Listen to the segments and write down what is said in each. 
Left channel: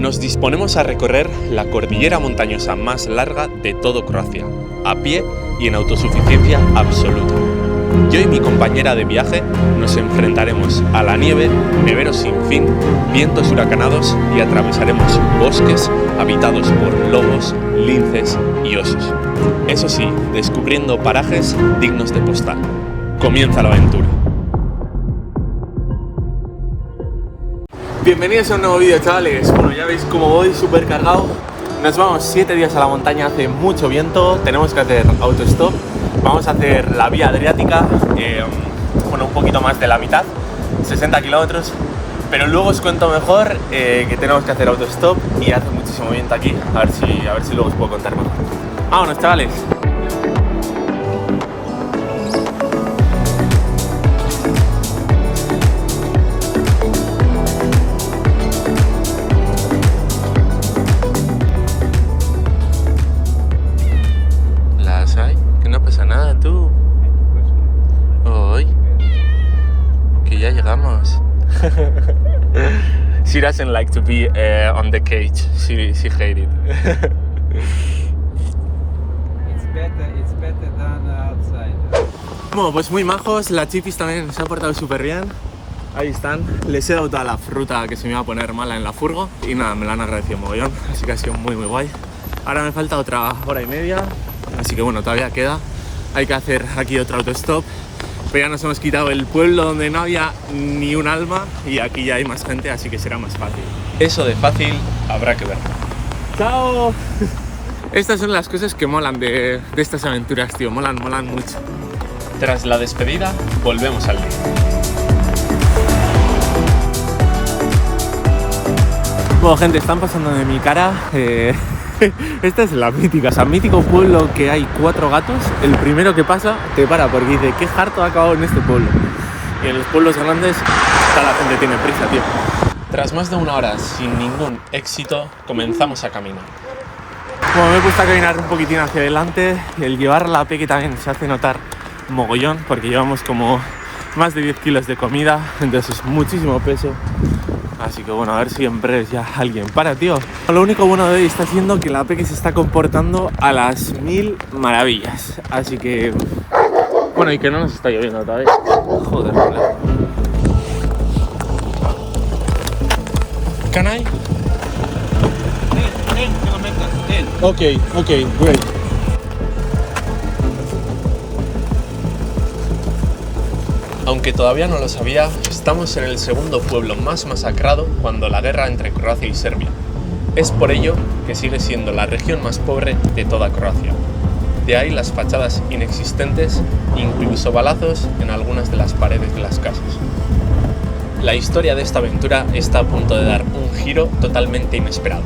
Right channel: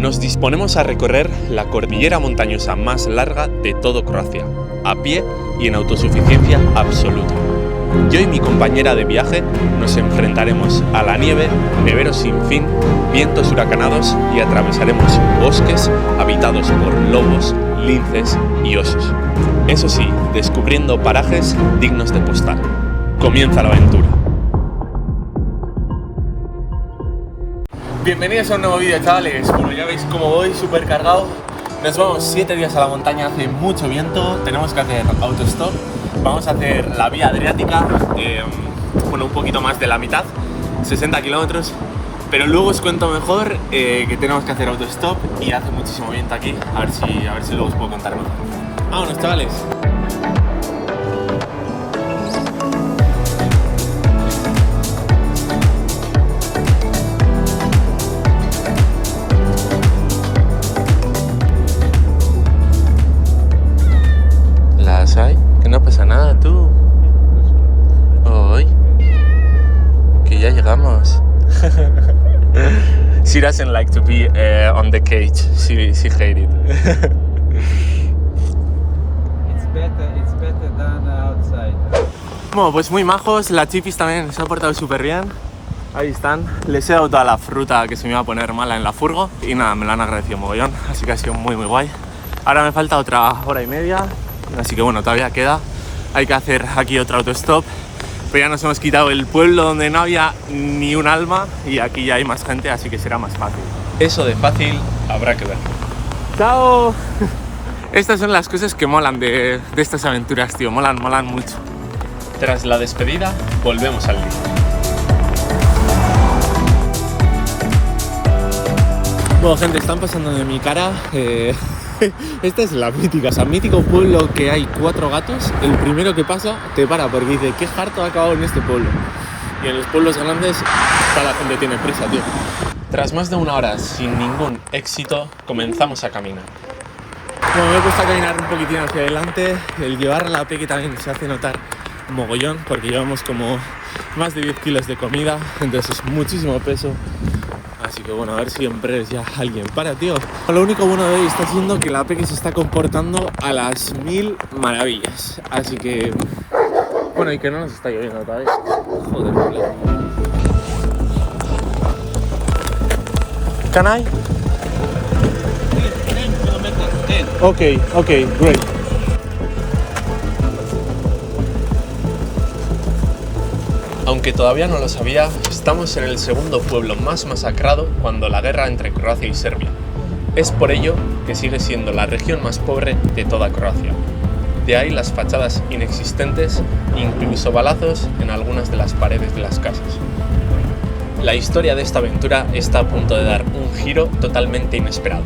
Nos disponemos a recorrer la cordillera montañosa más larga de todo Croacia, a pie y en autosuficiencia absoluta. Yo y mi compañera de viaje nos enfrentaremos a la nieve, neveros sin fin, vientos huracanados y atravesaremos bosques habitados por lobos, linces y osos. Eso sí, descubriendo parajes dignos de postal. Comienza la aventura. Bienvenidos a un nuevo vídeo, chavales. Bueno, ya veis cómo voy, súper cargado. Nos vamos 7 días a la montaña, hace mucho viento, tenemos que hacer autostop. Vamos a hacer la vía adriática, bueno, un poquito más de la mitad, 60 kilómetros. Pero luego os cuento mejor que tenemos que hacer autostop y hace muchísimo viento aquí. A ver si luego os puedo contar mejor. ¡Vámonos, chavales! ¿Las hay? Que no pasa nada, tú. Hoy. Que ya llegamos. She doesn't like to be on the cage. She hates it. It's better than outside. Bueno, pues muy majos. La Chipis también se ha portado súper bien. Ahí están. Les he dado toda la fruta que se me iba a poner mala en la furgo. Y nada, me la han agradecido mogollón. Así que ha sido muy guay. Ahora me falta otra hora y media. Así que bueno, todavía queda. Hay que hacer aquí otro autostop. Pero ya nos hemos quitado el pueblo donde no había ni un alma. Y aquí ya hay más gente, así que será más fácil. Eso de fácil habrá que ver. ¡Chao! Estas son las cosas que molan de estas aventuras, tío. Molan mucho. Tras la despedida, volvemos al día. Bueno, gente, están pasando de mi cara. Esta es la mítica, o sea, mítico pueblo que hay 4 gatos. El primero que pasa te para porque dice, qué harto ha acabado en este pueblo. Y en los pueblos grandes, toda la gente tiene prisa, tío. Tras más de una hora sin ningún éxito, comenzamos a caminar. Bueno, me he puesto a caminar un poquitín hacia adelante. El llevar la peque también se hace notar mogollón, porque llevamos como más de 10 kilos de comida, entonces es muchísimo peso. Así que bueno, a ver si en breve ya alguien para, tío. Lo único bueno de hoy está siendo que la peque se está comportando a las 1000 maravillas. Así que... bueno, y que no nos está lloviendo todavía. Joder, hola. Can I? 10 kilometers, 10. Okay, great. Aunque todavía no lo sabía, estamos en el segundo pueblo más masacrado cuando la guerra entre Croacia y Serbia. Es por ello que sigue siendo la región más pobre de toda Croacia. De ahí las fachadas inexistentes, incluso balazos en algunas de las paredes de las casas. La historia de esta aventura está a punto de dar un giro totalmente inesperado.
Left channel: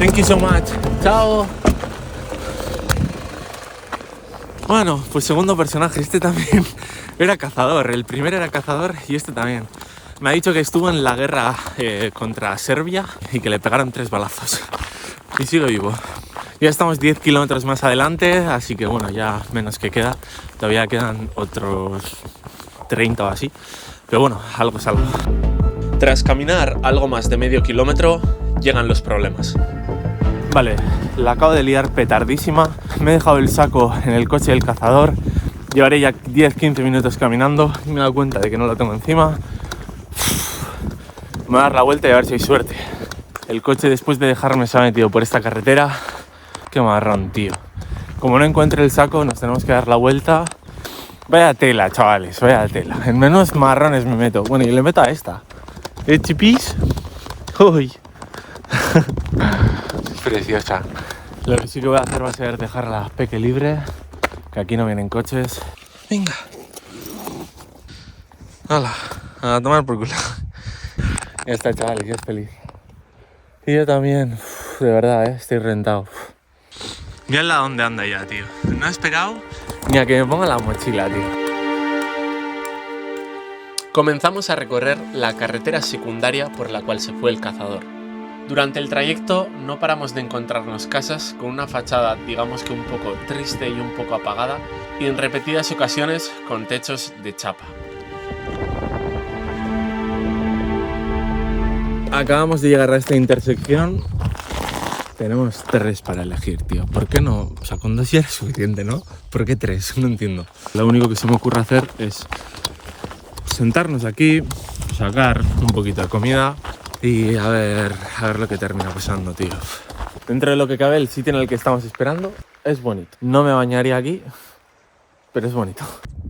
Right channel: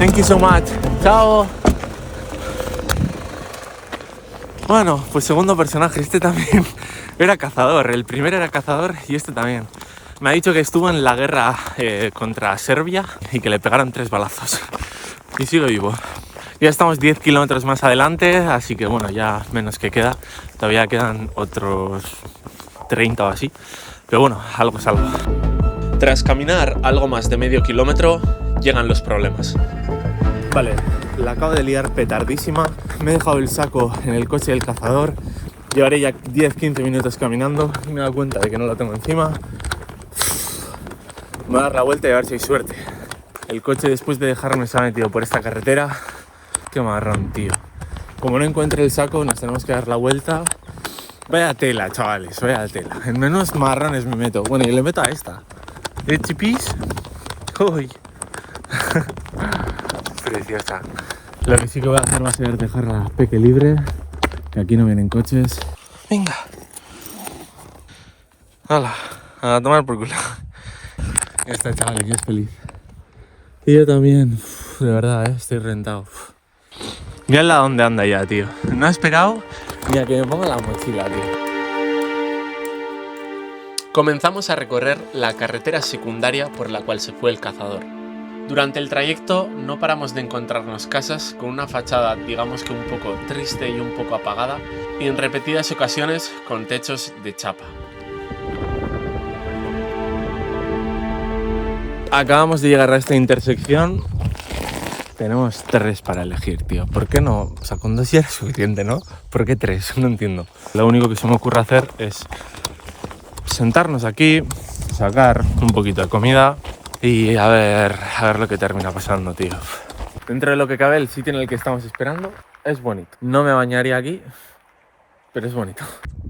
Thank you so much. Chao. Bueno, pues segundo personaje, este también era cazador, el primero era cazador y este también. Me ha dicho que estuvo en la guerra contra Serbia y que le pegaron 3 balazos. Y sigo vivo. Ya estamos 10 kilómetros más adelante, así que bueno, ya menos que queda. Todavía quedan otros 30 o así, pero bueno, algo es algo. Tras caminar algo más de medio kilómetro, llegan los problemas. Vale, la acabo de liar petardísima. Me he dejado el saco en el coche del cazador. Llevaré ya 10-15 minutos caminando. Me he dado cuenta de que no lo tengo encima. Me voy a dar la vuelta y a ver si hay suerte. El coche, después de dejarme, se ha metido por esta carretera. Qué marrón, tío. Como no encuentre el saco, nos tenemos que dar la vuelta. Vaya tela, chavales, vaya tela. En menos marrones me meto. Bueno, y le meto a esta. Chipis. Uy. Preciosa. Lo que sí que voy a hacer va a ser dejar la peque libre, que aquí no vienen coches. Venga. Hala, a tomar por culo. Ya está, chaval, que es feliz. Y yo también. Uf, de verdad, estoy rentado. Uf. Mírala dónde anda ya, tío. No ha esperado ni a que me ponga la mochila, tío. Comenzamos a recorrer la carretera secundaria por la cual se fue el cazador. Durante el trayecto no paramos de encontrarnos casas con una fachada digamos que un poco triste y un poco apagada, y en repetidas ocasiones con techos de chapa. Acabamos de llegar a esta intersección. Tenemos 3 para elegir, tío. ¿Por qué no? O sea, con 2 ya es suficiente, ¿no? ¿Por qué 3? No entiendo. Lo único que se me ocurre hacer es sentarnos aquí, sacar un poquito de comida y a ver lo que termina pasando, tío. Dentro de lo que cabe, el sitio en el que estamos esperando es bonito. No me bañaría aquí, pero es bonito.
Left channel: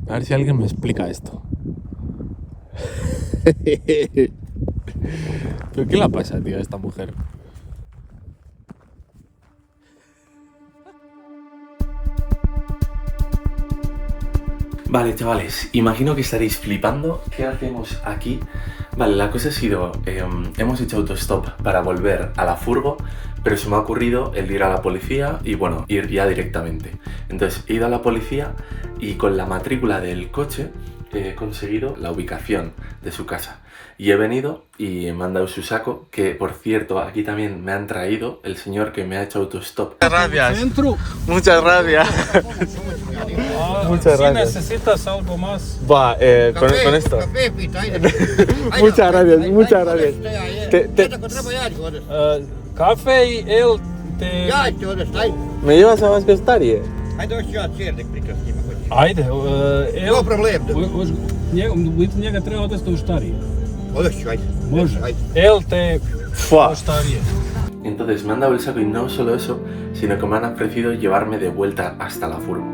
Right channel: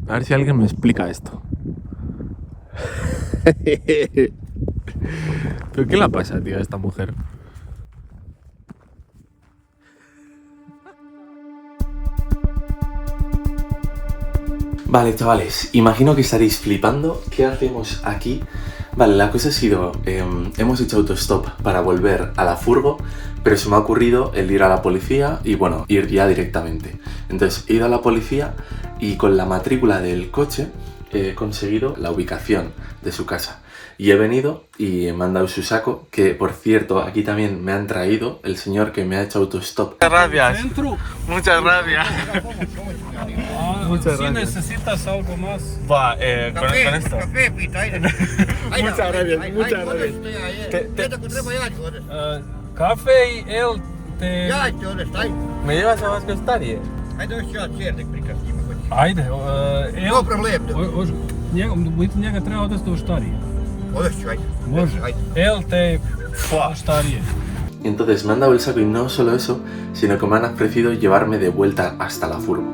A ver si alguien me explica esto. ¿Pero qué le pasa, tío, a esta mujer? Vale, chavales, imagino que estaréis flipando. ¿Qué hacemos aquí? Vale, la cosa ha sido, hemos hecho autostop para volver a la furgo, pero se me ha ocurrido el ir a la policía y bueno, ir ya directamente. Entonces he ido a la policía y con la matrícula del coche he conseguido la ubicación de su casa. Y he venido y me han dado su saco, que por cierto, aquí también me han traído el señor que me ha hecho autostop. Muchas gracias. Muchas gracias. Muchas Si gracias. necesitas algo más. Va, con esto. Muchas gracias, muchas gracias. Café y él te... ¿Me llevas a Vascostarie? Ajde, No problema. Līdz njega treba odvesti u štarije. Može. Él te... Fua. Štarije. Entonces me han dado el saco y no solo eso, sino que me han ofrecido llevarme de vuelta hasta la furgo.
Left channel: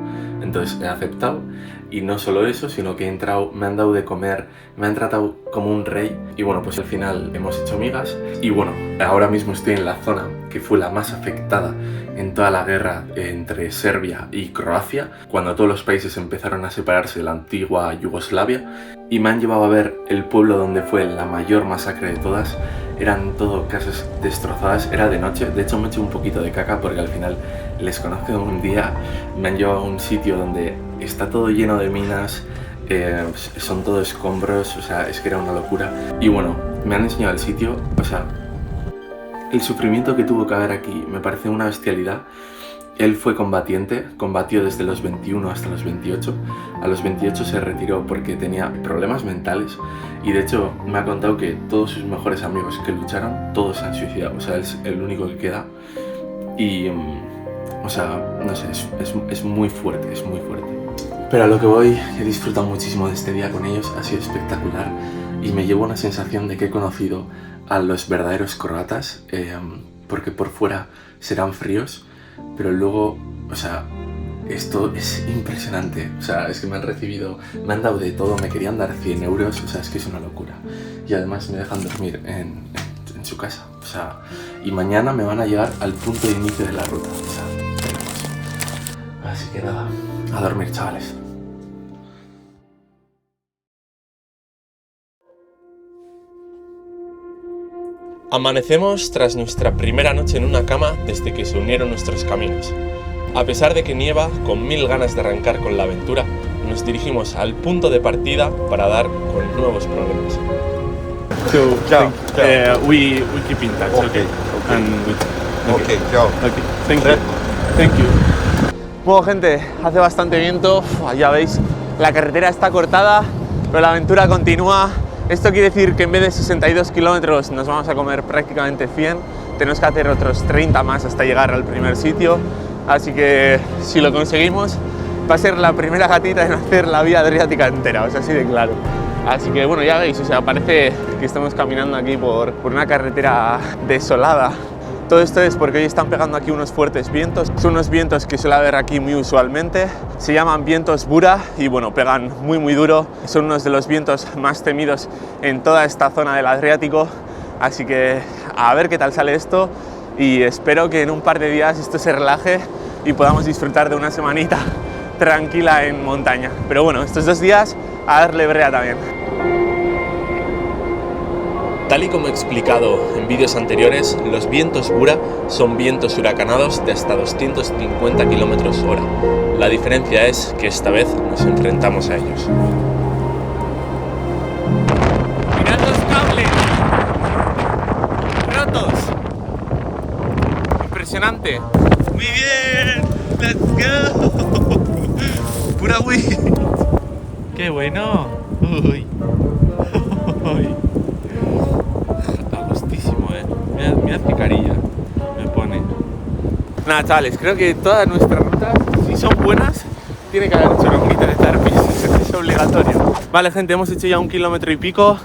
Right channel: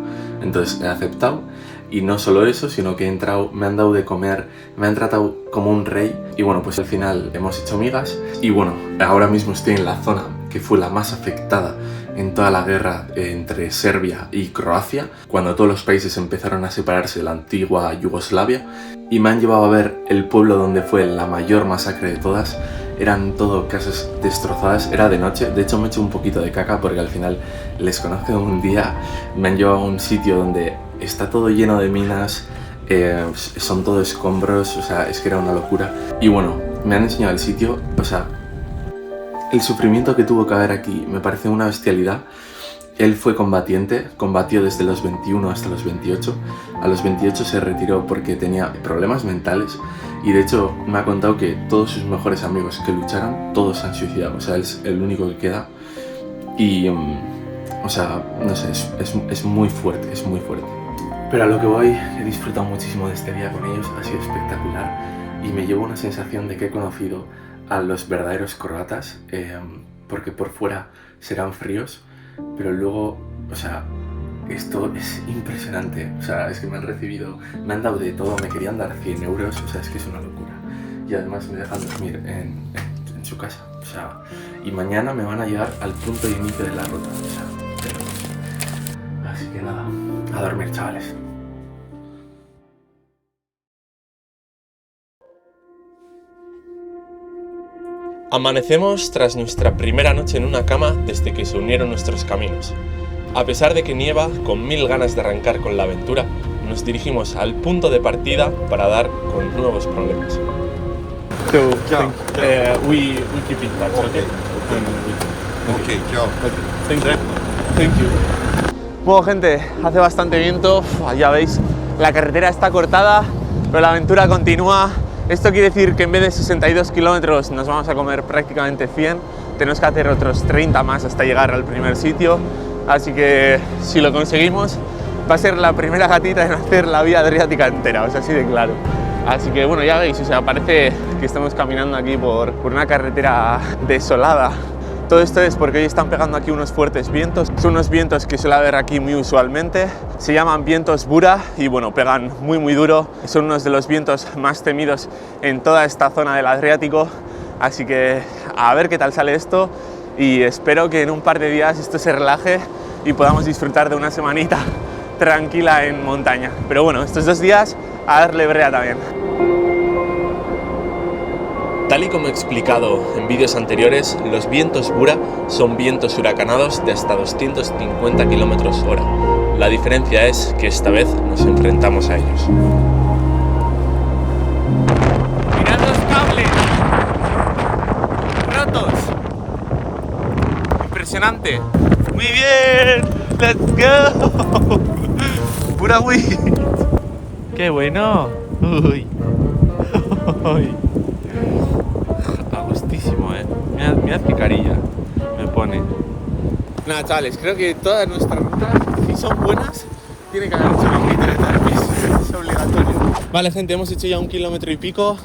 Entonces he aceptado y no solo eso, sino que he entrado, me han dado de comer, me han tratado como un rey y bueno, pues al final hemos hecho migas y bueno, ahora mismo estoy en la zona que fue la más afectada en toda la guerra entre Serbia y Croacia, cuando todos los países empezaron a separarse de la antigua Yugoslavia y me han llevado a ver el pueblo donde fue la mayor masacre de todas. Eran todo casas destrozadas, era de noche, de hecho me he hecho un poquito de caca porque al final les conozco un día, me han llevado a un sitio donde está todo lleno de minas, son todo escombros, o sea, es que era una locura. Y bueno, me han enseñado el sitio, o sea, el sufrimiento que tuvo que haber aquí me parece una bestialidad. Él fue combatiente, combatió desde los 21 hasta los 28. A los 28 se retiró porque tenía problemas mentales y de hecho me ha contado que todos sus mejores amigos que lucharon, todos se han suicidado. O sea, él es el único que queda y, o sea, no sé, es muy fuerte, es muy fuerte. Pero a lo que voy, he disfrutado muchísimo de este día con ellos, ha sido espectacular y me llevo una sensación de que he conocido a los verdaderos croatas, porque por fuera serán fríos, pero luego, o sea, esto es impresionante. O sea, es que me han recibido, me han dado de todo, me querían dar 100 euros, o sea, es que es una locura. Y además me dejan dormir en su casa, o sea, y mañana me van a llevar al punto de inicio de la ruta, o sea, tenemos. Así que nada, a dormir, chavales. Amanecemos tras nuestra primera noche en una cama desde que se unieron nuestros caminos. A pesar de que nieva, con 1000 ganas de arrancar con la aventura, nos dirigimos al punto de partida para dar con nuevos problemas. So, we keep in touch, okay? Okay, chao. Okay, thank you. Bueno, gente, hace bastante viento, ya veis, la carretera está cortada, pero la aventura continúa. Esto quiere decir que en vez de 62 kilómetros nos vamos a comer prácticamente 100, tenemos que hacer otros 30 más hasta llegar al primer sitio, así que si lo conseguimos va a ser la primera gatita en hacer la vía adriática entera, o sea, así de claro. Así que bueno, ya veis, o sea, parece que estamos caminando aquí por una carretera desolada. Todo esto es porque hoy están pegando aquí unos fuertes vientos. Son unos vientos que suele haber aquí muy usualmente. Se llaman vientos Bura y bueno, pegan muy duro. Son unos de los vientos más temidos en toda esta zona del Adriático. Así que a ver qué tal sale esto y espero que en un par de días esto se relaje y podamos disfrutar de una semanita tranquila en montaña. Pero bueno, estos 2 días a darle brea también. Tal y como he explicado en vídeos anteriores, los vientos Bura son vientos huracanados de hasta 250 km/h. La diferencia es que esta vez nos enfrentamos a ellos. ¡Mirad los cables! ¡Rotos! ¡Impresionante! ¡Muy bien! ¡Let's go! ¡Pura wind! ¡Qué bueno! ¡Uy! ¡Uy! oportunidad que carilla, me pone. Nada, chavales, creo que todas nuestras rutas, si son buenas, tiene que haber un kilómetro de tarpis, es obligatorio. Vale, gente, hemos hecho ya 1 kilómetro y pico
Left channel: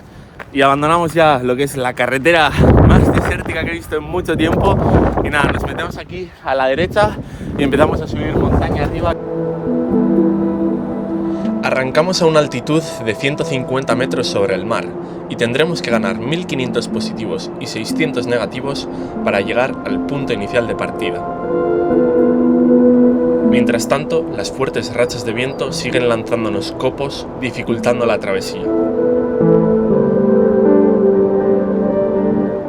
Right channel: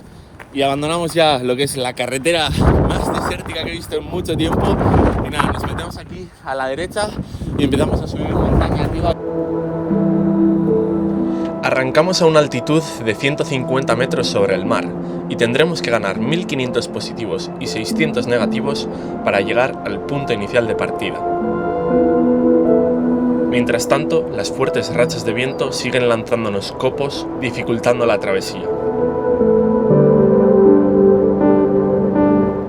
y abandonamos ya lo que es la carretera más desértica que he visto en mucho tiempo. Y nada, nos metemos aquí a la derecha y empezamos a subir montaña arriba. Arrancamos a una altitud de 150 metros sobre el mar y tendremos que ganar 1500 positivos y 600 negativos para llegar al punto inicial de partida. Mientras tanto, las fuertes rachas de viento siguen lanzándonos copos, dificultando la travesía.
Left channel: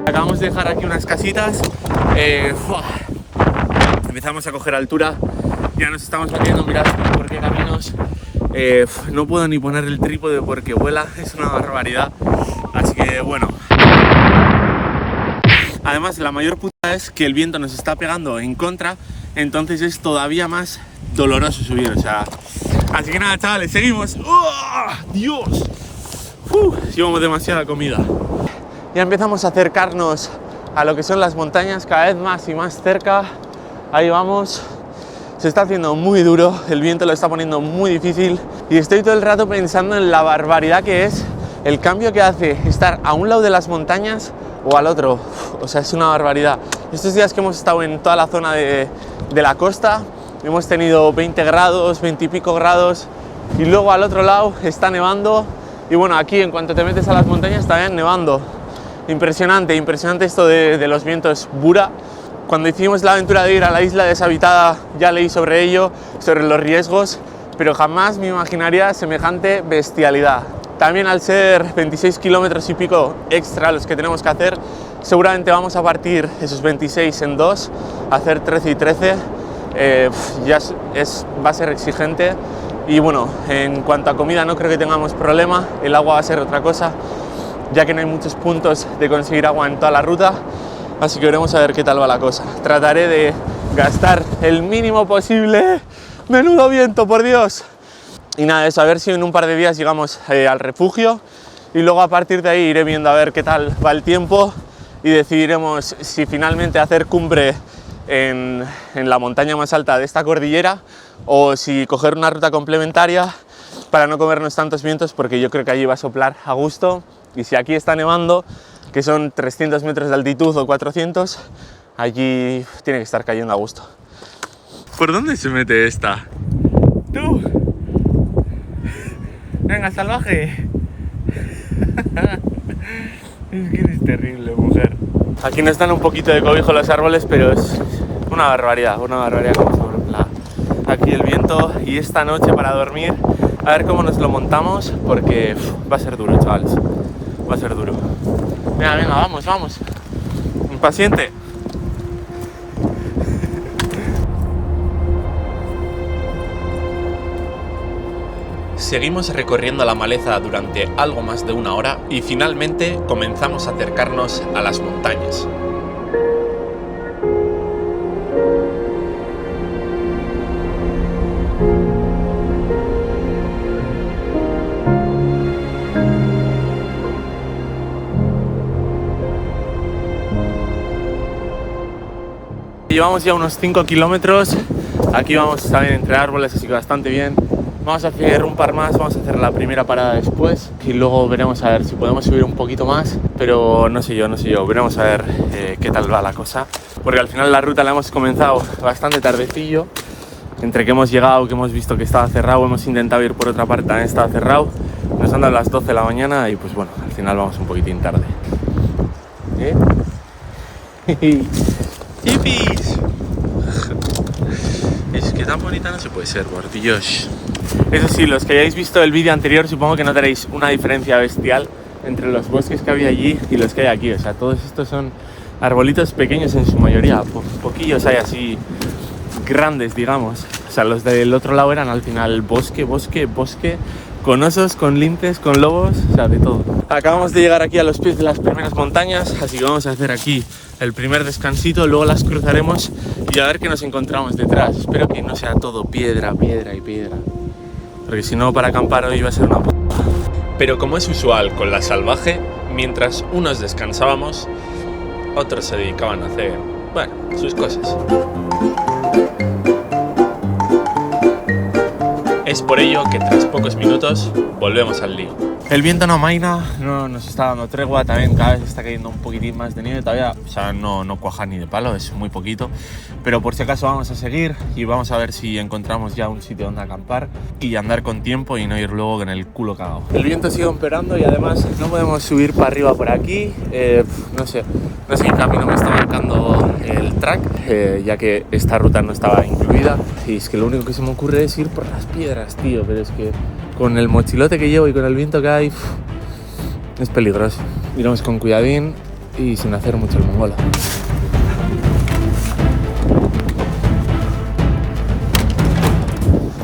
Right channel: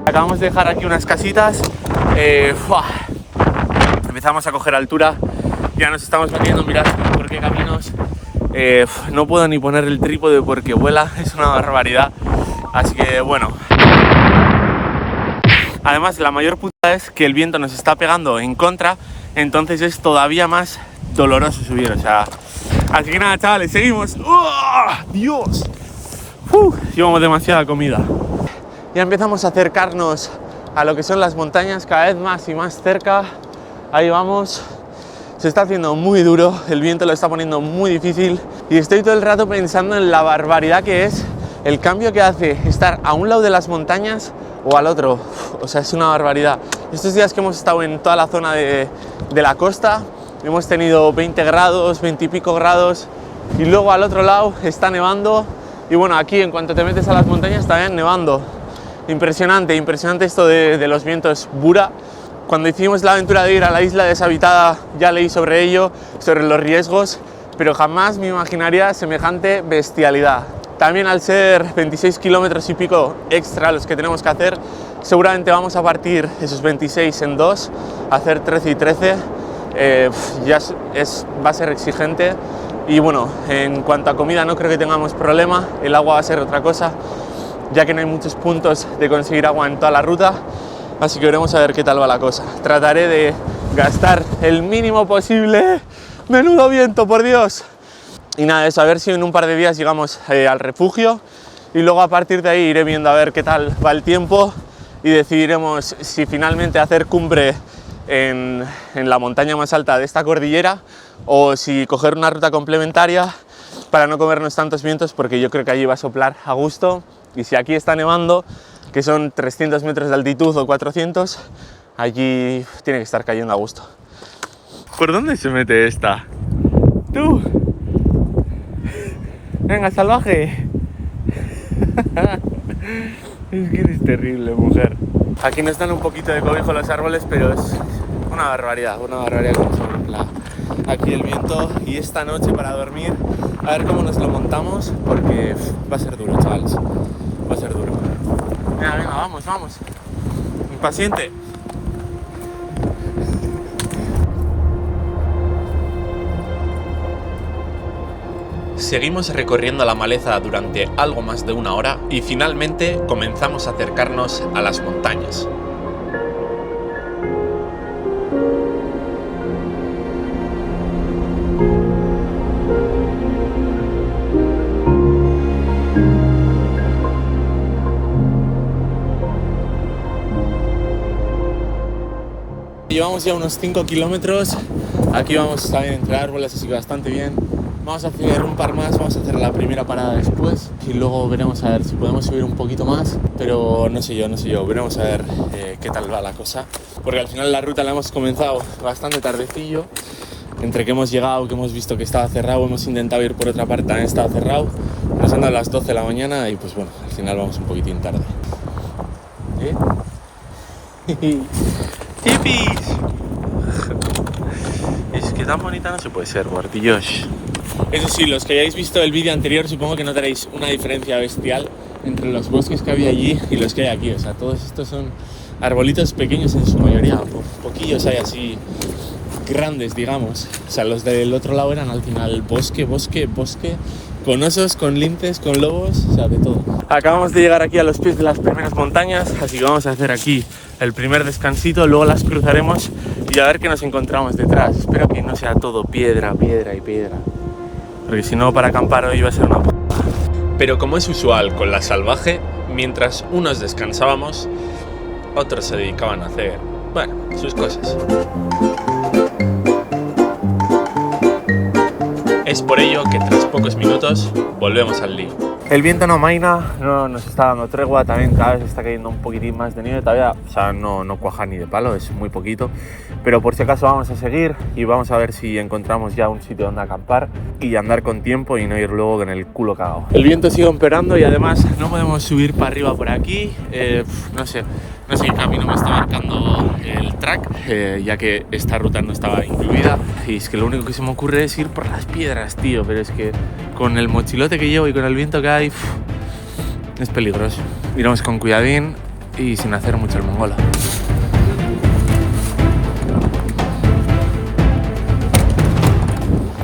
Acabamos de dejar aquí unas casitas, empezamos a coger altura, ya nos estamos metiendo, mirad por qué caminos. No puedo ni poner el trípode porque vuela, es una barbaridad, así que bueno. Además, la mayor puta es que el viento nos está pegando en contra, entonces es todavía más doloroso subir, o sea. Así que nada, chavales, seguimos. ¡Oh, Dios! Llevamos demasiada comida. Ya empezamos a acercarnos a lo que son las montañas, cada vez más y más cerca. Ahí vamos. Se está haciendo muy duro, el viento lo está poniendo muy difícil y estoy todo el rato pensando en la barbaridad que es el cambio que hace estar a un lado de las montañas o al otro. O sea, es una barbaridad. Estos días que hemos estado en toda la zona de la costa, hemos tenido 20 grados, 20 y pico grados y luego al otro lado está nevando y bueno, aquí en cuanto te metes a las montañas también nevando. Impresionante, impresionante esto de los vientos Bura. Cuando hicimos la aventura de ir a la isla deshabitada ya leí sobre ello, sobre los riesgos, pero jamás me imaginaría semejante bestialidad. También al ser 26 kilómetros y pico extra los que tenemos que hacer, seguramente vamos a partir esos 26 en dos, hacer 13 y 13, va a ser exigente. Y bueno, en cuanto a comida no creo que tengamos problema, el agua va a ser otra cosa, ya que no hay muchos puntos de conseguir agua en toda la ruta. Así que veremos a ver qué tal va la cosa. Trataré de gastar el mínimo posible. ¡Menudo viento, por Dios! Y nada, eso, a ver si en un par de días llegamos al refugio. Y luego a partir de ahí iré viendo a ver qué tal va el tiempo. Y decidiremos si finalmente hacer cumbre en la montaña más alta de esta cordillera. O si coger una ruta complementaria para no comernos tantos vientos. Porque yo creo que allí va a soplar a gusto. Y si aquí está nevando, que son 300 metros de altitud o 400, allí tiene que estar cayendo a gusto. ¿Por dónde se mete esta? ¡Tú! ¡Venga, salvaje! Es que eres terrible, mujer. Aquí nos dan un poquito de cobijo los árboles, pero es una barbaridad como sopla aquí el viento. Y esta noche para dormir, a ver cómo nos lo montamos, porque va a ser duro, chavales. Va a ser duro. Venga, vamos. Impaciente. Seguimos recorriendo la maleza durante algo más de 1 hora y finalmente comenzamos a acercarnos a las montañas. Llevamos ya unos 5 kilómetros, aquí vamos también entre árboles, así que bastante bien. Vamos a hacer un par más, vamos a hacer la primera parada después y luego veremos a ver si podemos subir un poquito más, pero no sé yo, veremos a ver qué tal va la cosa, porque al final la ruta la hemos comenzado bastante tardecillo, entre que hemos llegado, que hemos visto que estaba cerrado, hemos intentado ir por otra parte, también estaba cerrado, nos han dado las 12 de la mañana y pues bueno, al final vamos un poquitín tarde. ¡Hippies! Es que tan bonita no se puede ser, por Dios. Eso sí, los que hayáis visto el vídeo anterior supongo que notaréis una diferencia bestial entre los bosques que había allí y los que hay aquí. O sea, todos estos son arbolitos pequeños en su mayoría, poquillos hay así grandes, digamos. O sea, los del otro lado eran al final bosque, con osos, con linces, con lobos, o sea, de todo. Acabamos de llegar aquí a los pies de las primeras montañas, así que vamos a hacer aquí el primer descansito, luego las cruzaremos y a ver qué nos encontramos detrás. Espero que no sea todo piedra, porque si no, para acampar hoy va a ser una puta. Pero como es usual con la salvaje, mientras unos descansábamos, otros se dedicaban a hacer, bueno, sus cosas. Es por ello que tras pocos minutos volvemos al lío. El viento no amaina, no nos está dando tregua, también cada vez está cayendo un poquitín más de nieve todavía, o sea, no cuaja ni de palo, es muy poquito, pero por si acaso vamos a seguir y vamos a ver si encontramos ya un sitio donde acampar y andar con tiempo y no ir luego con el culo cagado. El viento sigue empeorando y además no podemos subir para arriba por aquí, no sé qué camino me está marcando el track, ya que esta ruta no estaba incluida y es que lo único que se me ocurre es ir por las piedras, tío, pero es que con el mochilote que llevo y con el viento que hay, es peligroso. Iremos con cuidadín y sin hacer mucho el mongolo.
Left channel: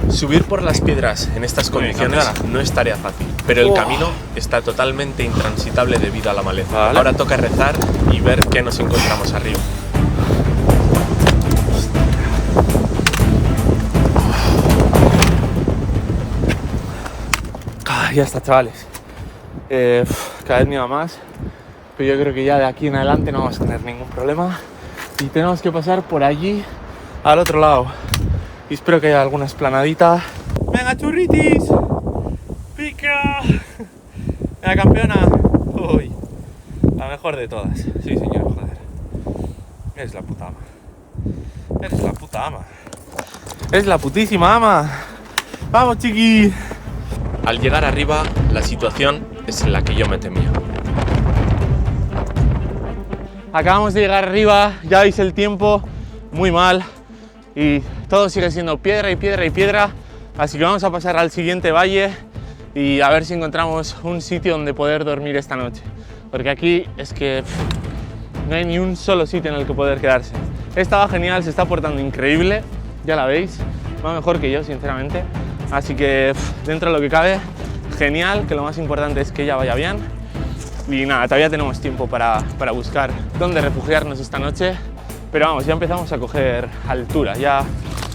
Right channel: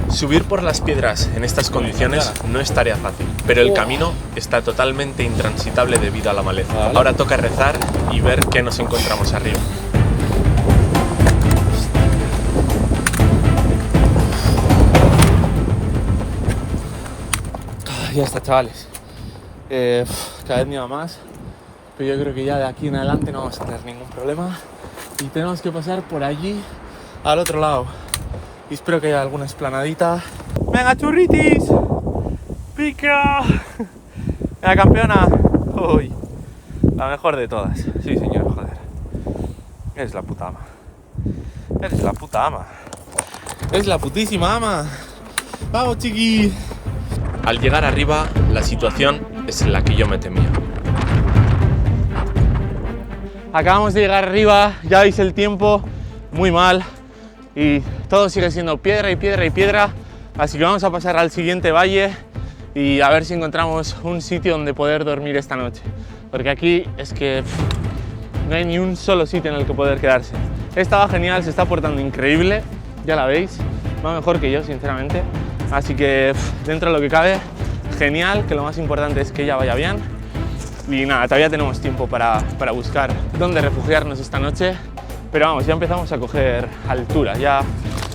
Subir por las piedras en estas condiciones no es tarea fácil, pero el camino está totalmente intransitable debido a la maleza. Vale. Ahora toca rezar y ver qué nos encontramos arriba. Ya está, chavales. Cada vez me va más, pero yo creo que ya de aquí en adelante no vamos a tener ningún problema y tenemos que pasar por allí al otro lado y espero que haya alguna esplanadita. ¡Venga, churritis! ¡Pica! ¡Venga, campeona! ¡Uy! La mejor de todas. Sí, señor, joder. Eres la puta ama. Eres la puta ama. Eres la putísima ama. ¡Vamos, chiqui! Al llegar arriba, la situación es la que yo me temía. Acabamos de llegar arriba, ya veis el tiempo, muy mal. Y todo sigue siendo piedra y piedra y piedra. Así que vamos a pasar al siguiente valle y a ver si encontramos un sitio donde poder dormir esta noche. Porque aquí es que no hay ni un solo sitio en el que poder quedarse. Esta va genial, se está portando increíble, ya la veis. Va mejor que yo, sinceramente. Así que dentro de lo que cabe, genial, que lo más importante es que ella vaya bien. Y nada, todavía tenemos tiempo para buscar dónde refugiarnos esta noche. Pero vamos, ya empezamos a coger altura, ya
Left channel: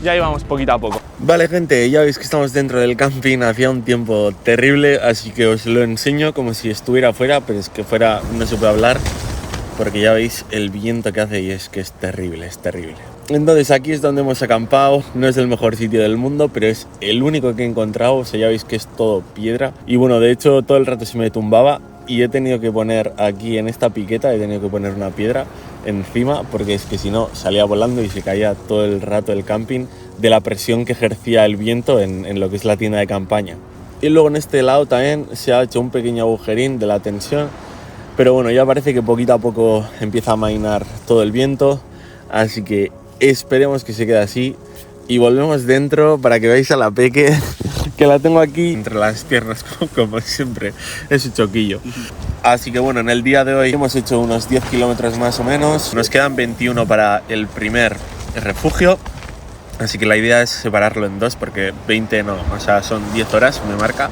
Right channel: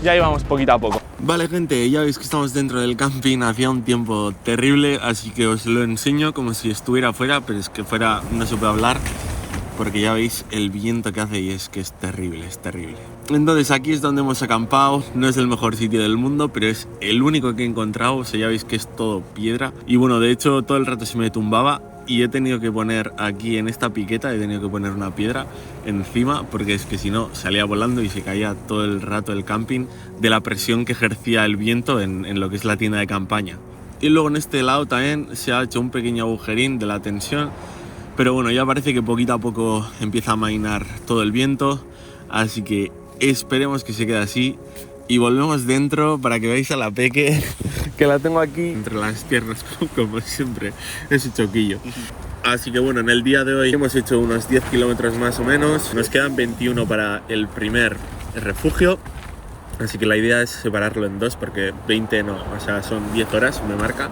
íbamos poquito a poco. Vale, gente, ya veis que estamos dentro del camping, hacía un tiempo terrible, así que os lo enseño como si estuviera fuera, pero es que fuera no se puede hablar, porque ya veis el viento que hace y es que es terrible, es terrible. Entonces aquí es donde hemos acampado, no es el mejor sitio del mundo, pero es el único que he encontrado, o sea, ya veis que es todo piedra. Y bueno, de hecho todo el rato se me tumbaba y he tenido que poner aquí en esta piqueta, he tenido que poner una piedra encima, porque es que si no salía volando y se caía todo el rato el camping de la presión que ejercía el viento en lo que es la tienda de campaña. Y luego en este lado también se ha hecho un pequeño agujerín de la tensión, pero bueno, ya parece que poquito a poco empieza a amainar todo el viento, así que esperemos que se quede así y volvemos dentro para que veáis a la Peque, que la tengo aquí entre las piernas como siempre, ese choquillo. Así que bueno, en el día de hoy hemos hecho unos 10 kilómetros más o menos, nos quedan 21 para el primer refugio, así que la idea es separarlo en dos porque 20 no, o sea, son 10 horas, me marca,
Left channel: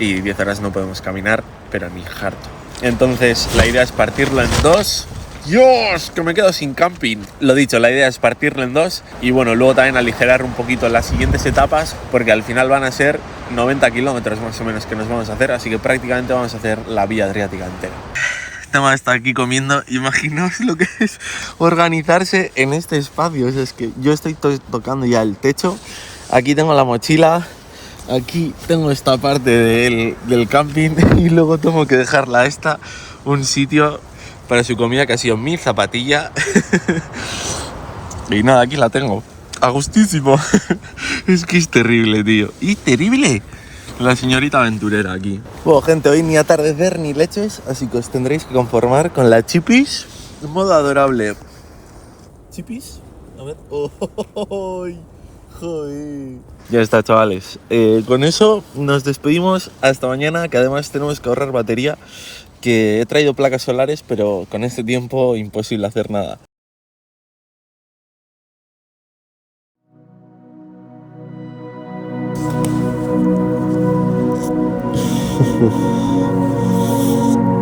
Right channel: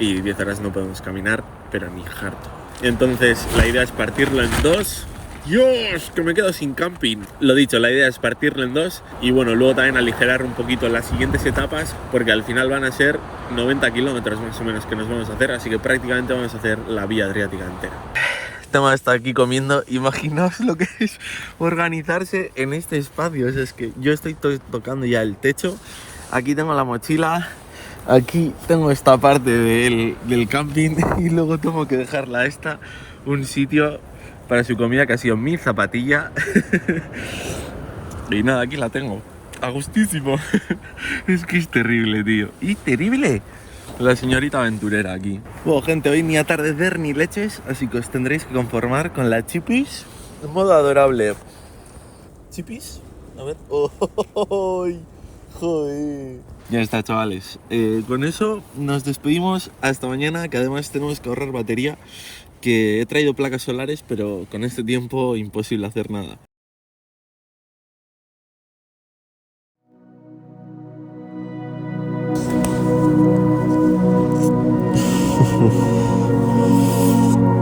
y 10 horas no podemos caminar, pero ni harto. Entonces la idea es partirlo en dos. ¡Dios! Que me quedo sin camping. Lo dicho, la idea es partirlo en dos y bueno, luego también aligerar un poquito las siguientes etapas porque al final van a ser 90 kilómetros más o menos que nos vamos a hacer, así que prácticamente vamos a hacer la vía adriática entera. Tema está aquí comiendo, imaginaos lo que es organizarse en este espacio, o sea, es que yo estoy tocando ya el techo, aquí tengo la mochila, aquí tengo esta parte del camping y luego tengo que dejarla un sitio para su comida que ha sido mi zapatilla. Y nada, aquí la tengo. A gustísimo. Es que es terrible, tío. ¡Y terrible! La señorita aventurera aquí. Bueno, gente, hoy ni atardecer ni leches, así que os tendréis que conformar con la Chipis en modo adorable. ¿Chipis? A ver. ¡Oh! ¡Joder! Ya está, chavales. Con eso nos despedimos hasta mañana, que además tenemos que ahorrar batería. Que he traído placas solares, pero con este tiempo imposible hacer nada.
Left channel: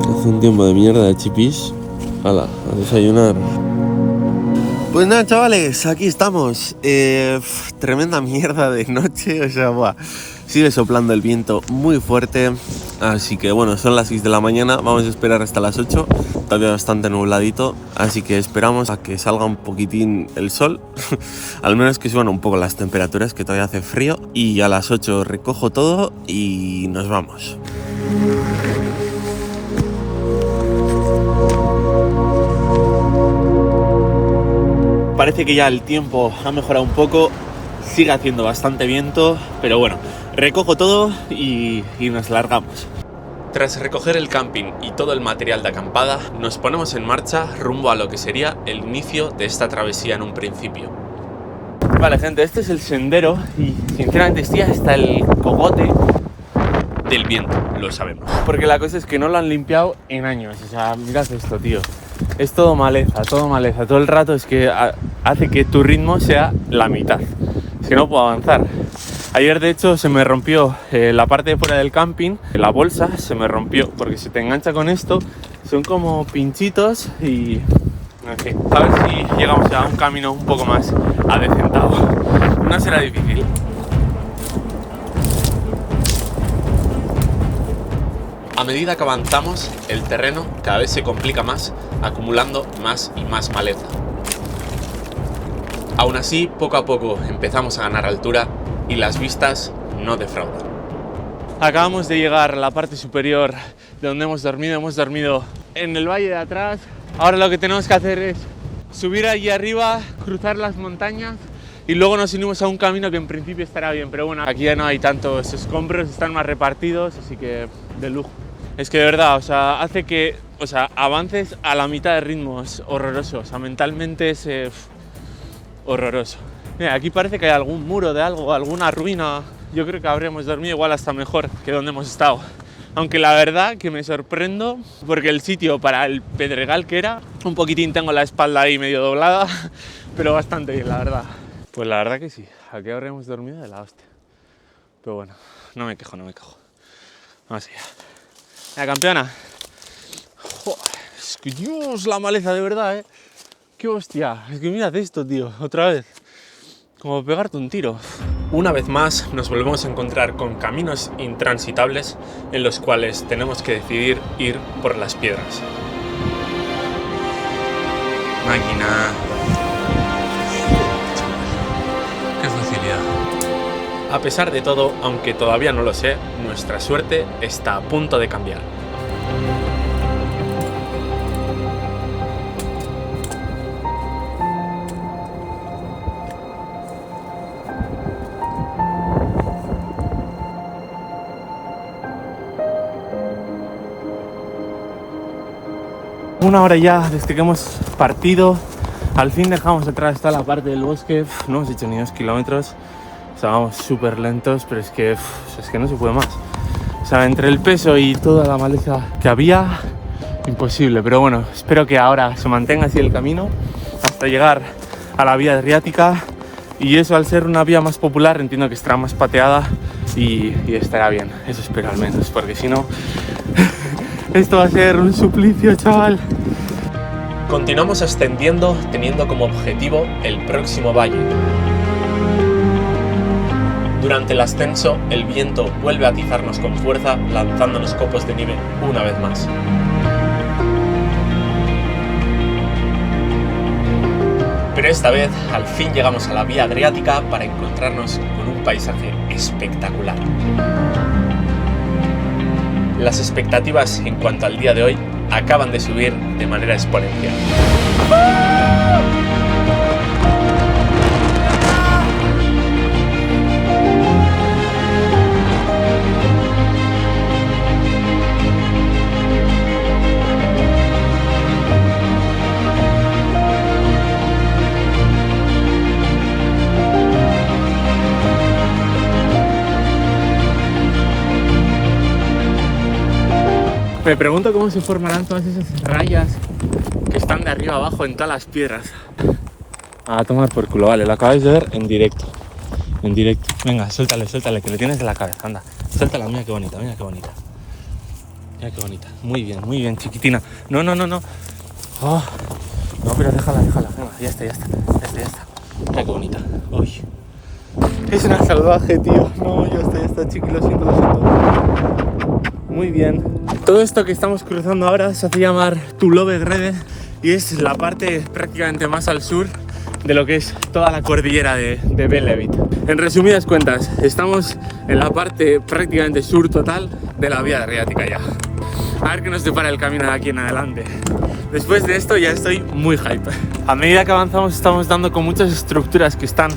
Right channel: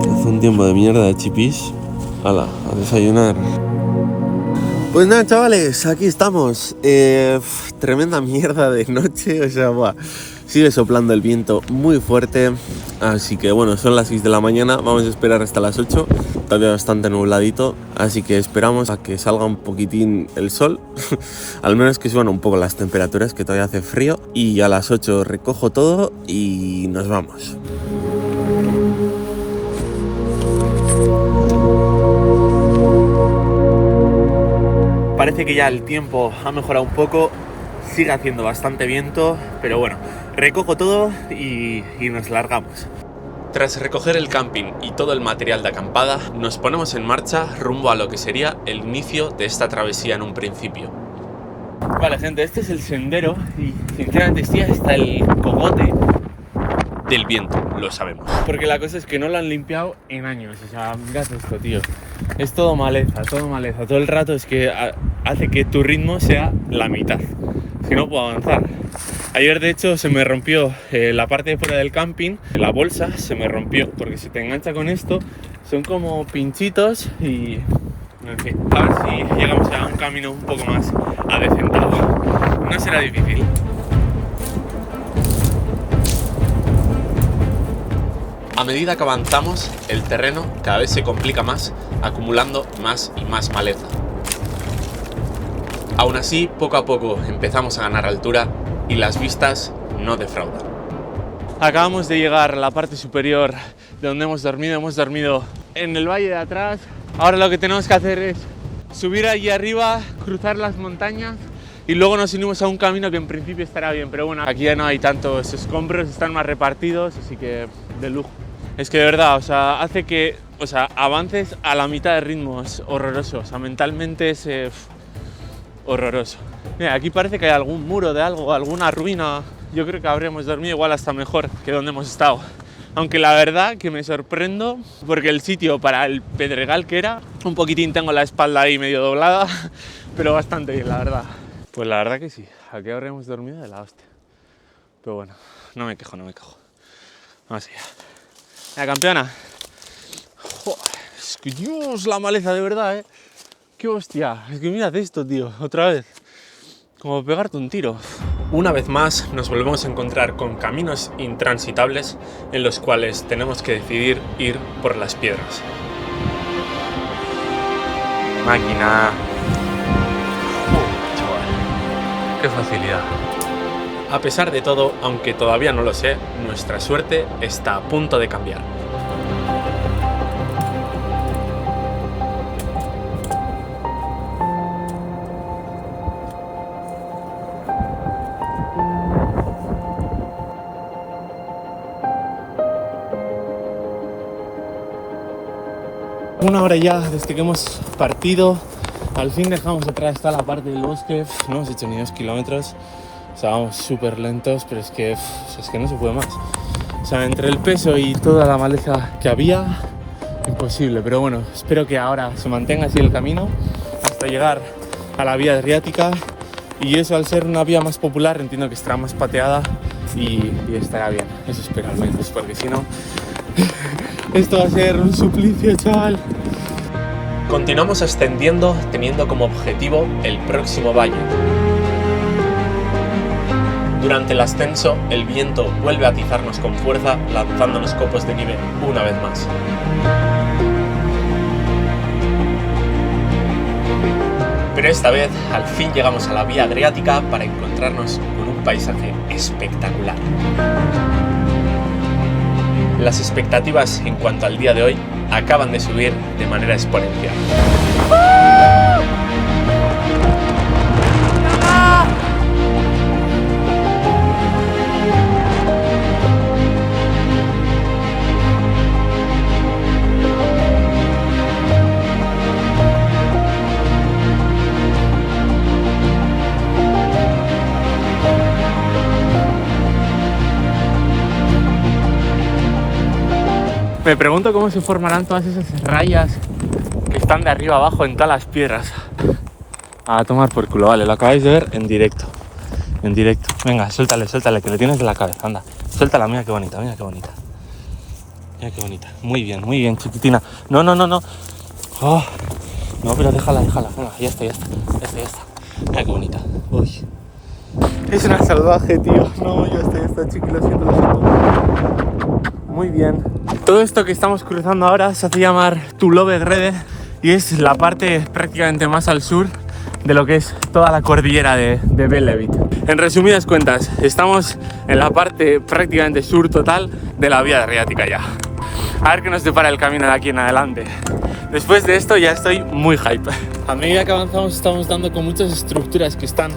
Hace un tiempo de mierda de chipis. Hala, a desayunar. Pues nada, chavales, aquí estamos. Tremenda mierda de noche, o sea, buah. Sigue soplando el viento muy fuerte, así que bueno, son las 6 de la mañana, vamos a esperar hasta las 8, todavía bastante nubladito, así que esperamos a que salga un poquitín el sol, al menos que suban un poco las temperaturas, que todavía hace frío, y a las 8 recojo todo y nos vamos. Parece que ya el tiempo ha mejorado un poco, sigue haciendo bastante viento, pero bueno, recojo todo y nos largamos. Tras recoger el camping y todo el material de acampada, nos ponemos en marcha rumbo a lo que sería el inicio de esta travesía en un principio. Vale, gente, este es el sendero y sinceramente estoy hasta el cogote del viento, lo sabemos. Porque la cosa es que no lo han limpiado en años, o sea, mirad esto, tío. Es todo maleza, todo el rato es que hace que tu ritmo sea la mitad, si no puedo avanzar. Ayer de hecho se me rompió la parte de fuera del camping, la bolsa se me rompió porque se te engancha con esto, son como pinchitos y en fin, a ver si llegamos a un camino un poco más adecentado. No será difícil. A medida que avanzamos, el terreno cada vez se complica más, acumulando más y más maleza. Aún así, poco a poco empezamos a ganar altura y las vistas no defraudan. Acabamos de llegar a la parte superior de donde hemos dormido en el valle de atrás. Ahora lo que tenemos que hacer es subir allí arriba, cruzar las montañas y luego nos unimos a un camino que en principio estará bien, pero bueno, aquí ya no hay tantos escombros, están más repartidos, así que de lujo. Es que de verdad, o sea, hace que avances a la mitad de ritmo, es horroroso, o sea, mentalmente es horroroso. Mira, aquí parece que hay algún muro de algo, alguna ruina. Yo creo que habríamos dormido igual hasta mejor que donde hemos estado. Aunque la verdad que me sorprendo porque el sitio para el pedregal que era, un poquitín tengo la espalda ahí medio doblada, pero bastante bien, la verdad. Pues la verdad que sí, aquí habríamos dormido de la hostia. Pero bueno, no me quejo. Vamos allá. La campeona. Joder, es que Dios, la maleza de verdad, Qué hostia, es que mirad esto, tío, otra vez. Como pegarte un tiro. Una vez más nos volvemos a encontrar con caminos intransitables en los cuales tenemos que decidir ir por las piedras. Máquina. Chaval, qué facilidad. A pesar de todo, aunque todavía no lo sé, nuestra suerte está a punto de cambiar. Una hora ya desde que hemos partido, al fin dejamos atrás esta la parte del bosque, no hemos hecho ni 2 kilómetros. O sea, vamos súper lentos, pero es que no se puede más. O sea, entre el peso y toda la maleza que había, imposible. Pero bueno, espero que ahora se mantenga así el camino hasta llegar a la vía adriática. Y eso, al ser una vía más popular, entiendo que estará más pateada y estará bien. Eso espero al menos, porque si no, esto va a ser un suplicio, chaval. Continuamos ascendiendo, teniendo como objetivo el próximo valle. Durante el ascenso, el viento vuelve a atizarnos con fuerza, lanzándonos copos de nieve una vez más. Pero esta vez, al fin llegamos a la vía adriática para encontrarnos con un paisaje espectacular. Las expectativas en cuanto al día de hoy acaban de subir de manera exponencial. Me pregunto cómo se formarán todas esas rayas que están de arriba abajo en todas las piedras. A tomar por culo, vale, lo acabáis de ver en directo. En directo. Venga, suéltale, que lo tienes de la cabeza, anda. Suéltala, mira qué bonita, mira qué bonita. Mira qué bonita. Muy bien, chiquitina. No. Oh. No, pero déjala. Venga, ya está. Mira qué bonita. Uy. Es una salvaje, tío. No, yo estoy hasta chiqui, lo siento, lo siento. Muy bien. Todo esto que estamos cruzando ahora se hace llamar Tullow-Grede y es la parte prácticamente más al sur de lo que es toda la cordillera de Belleville. En resumidas cuentas, estamos en la parte prácticamente sur total de la vía adriática ya. A ver qué nos depara el camino de aquí en adelante. Después de esto ya estoy muy hype. A medida que avanzamos estamos dando con muchas estructuras que están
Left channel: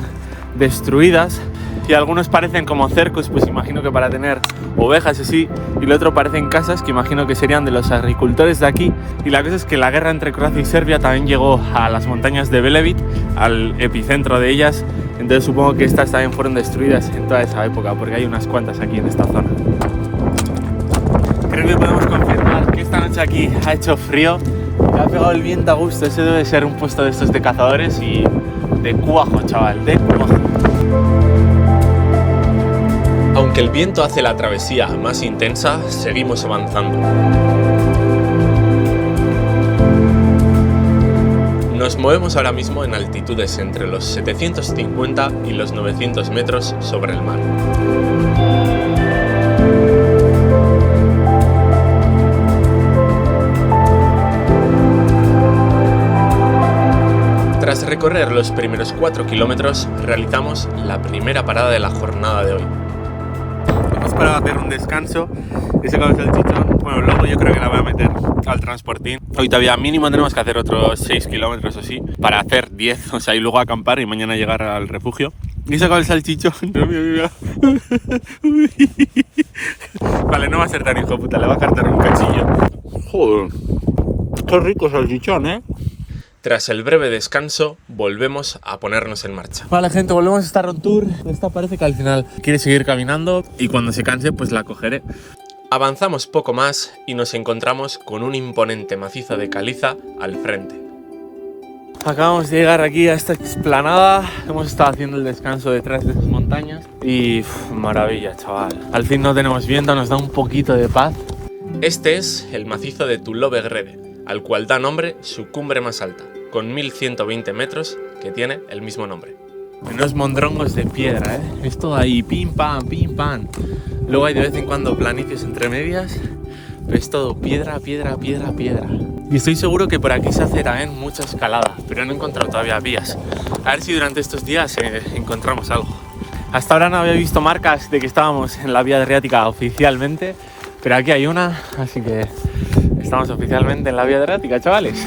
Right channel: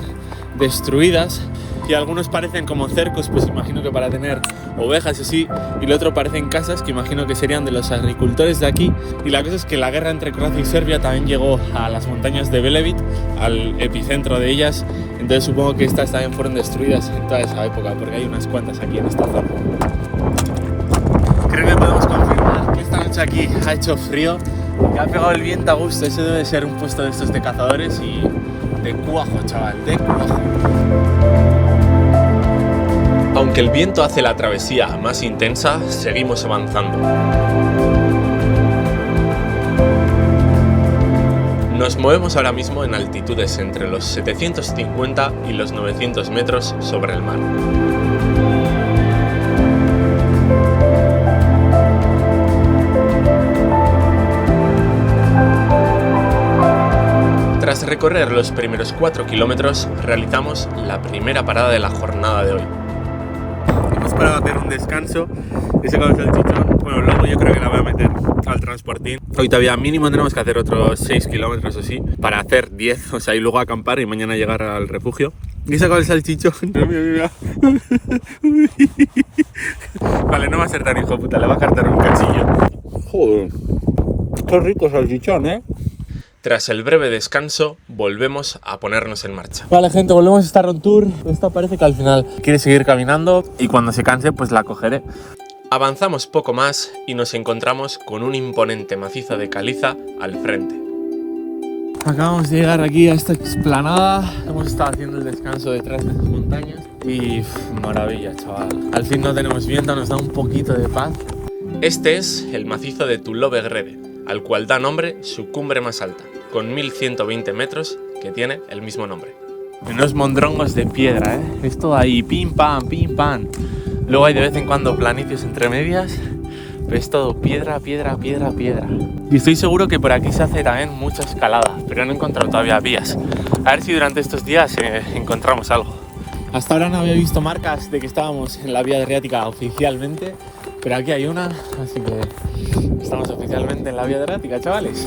destruidas y algunos parecen como cercos, pues imagino que para tener ovejas así, y lo otro parecen casas que imagino que serían de los agricultores de aquí. Y la cosa es que la guerra entre Croacia y Serbia también llegó a las montañas de Belleville, al epicentro de ellas, entonces supongo que estas también fueron destruidas en toda esa época, porque hay unas cuantas aquí en esta zona. Creo que podemos confirmar que esta noche aquí ha hecho frío, que ha pegado el viento a gusto. Ese debe ser un puesto de estos de cazadores y de cuajo, chaval, de cuajo. Aunque el viento hace la travesía más intensa, seguimos avanzando. Nos movemos ahora mismo en altitudes entre los 750 y los 900 metros sobre el mar. Tras recorrer los primeros 4 kilómetros, realizamos la primera parada de la jornada de hoy. Hemos parado a hacer un descanso, he sacado el salchichón, bueno, luego yo creo que la voy a meter al transportín. Hoy todavía mínimo tenemos que hacer otros 6 kilómetros o sí, para hacer 10, o sea, y luego acampar y mañana llegar al refugio. Y he sacado el salchichón, vale, no va a ser tan hijo puta, le va a cartar un cachillo. Joder, qué rico salchichón, ¿eh? Tras el breve descanso, volvemos a ponernos en marcha. Vale, gente, volvemos a estar on tour. Esta parece que al final quiere seguir caminando y cuando se canse, pues la cogeré. Avanzamos poco más y nos encontramos con un imponente macizo de caliza al frente. Acabamos de llegar aquí a esta explanada. Hemos estado haciendo el descanso detrás de estas montañas y maravilla, chaval. Al fin no tenemos viento, nos da un poquito de paz. Este es el macizo de Tullow-Grede, al cual da nombre su cumbre más alta, con 1120 metros, que tiene el mismo nombre. Unos mondrongos de piedra, ¿eh? Es todo ahí, pim pam, pim pam. Luego hay de vez en cuando planicios entre medias, pero es todo piedra, piedra, piedra, piedra. Y estoy seguro que por aquí se hace también mucha escalada, pero no he encontrado todavía vías. A ver si durante estos días encontramos algo. Hasta ahora no había visto marcas de que estábamos en la vía adriática oficialmente, pero aquí hay una, así que estamos oficialmente en la vía adriática, chavales.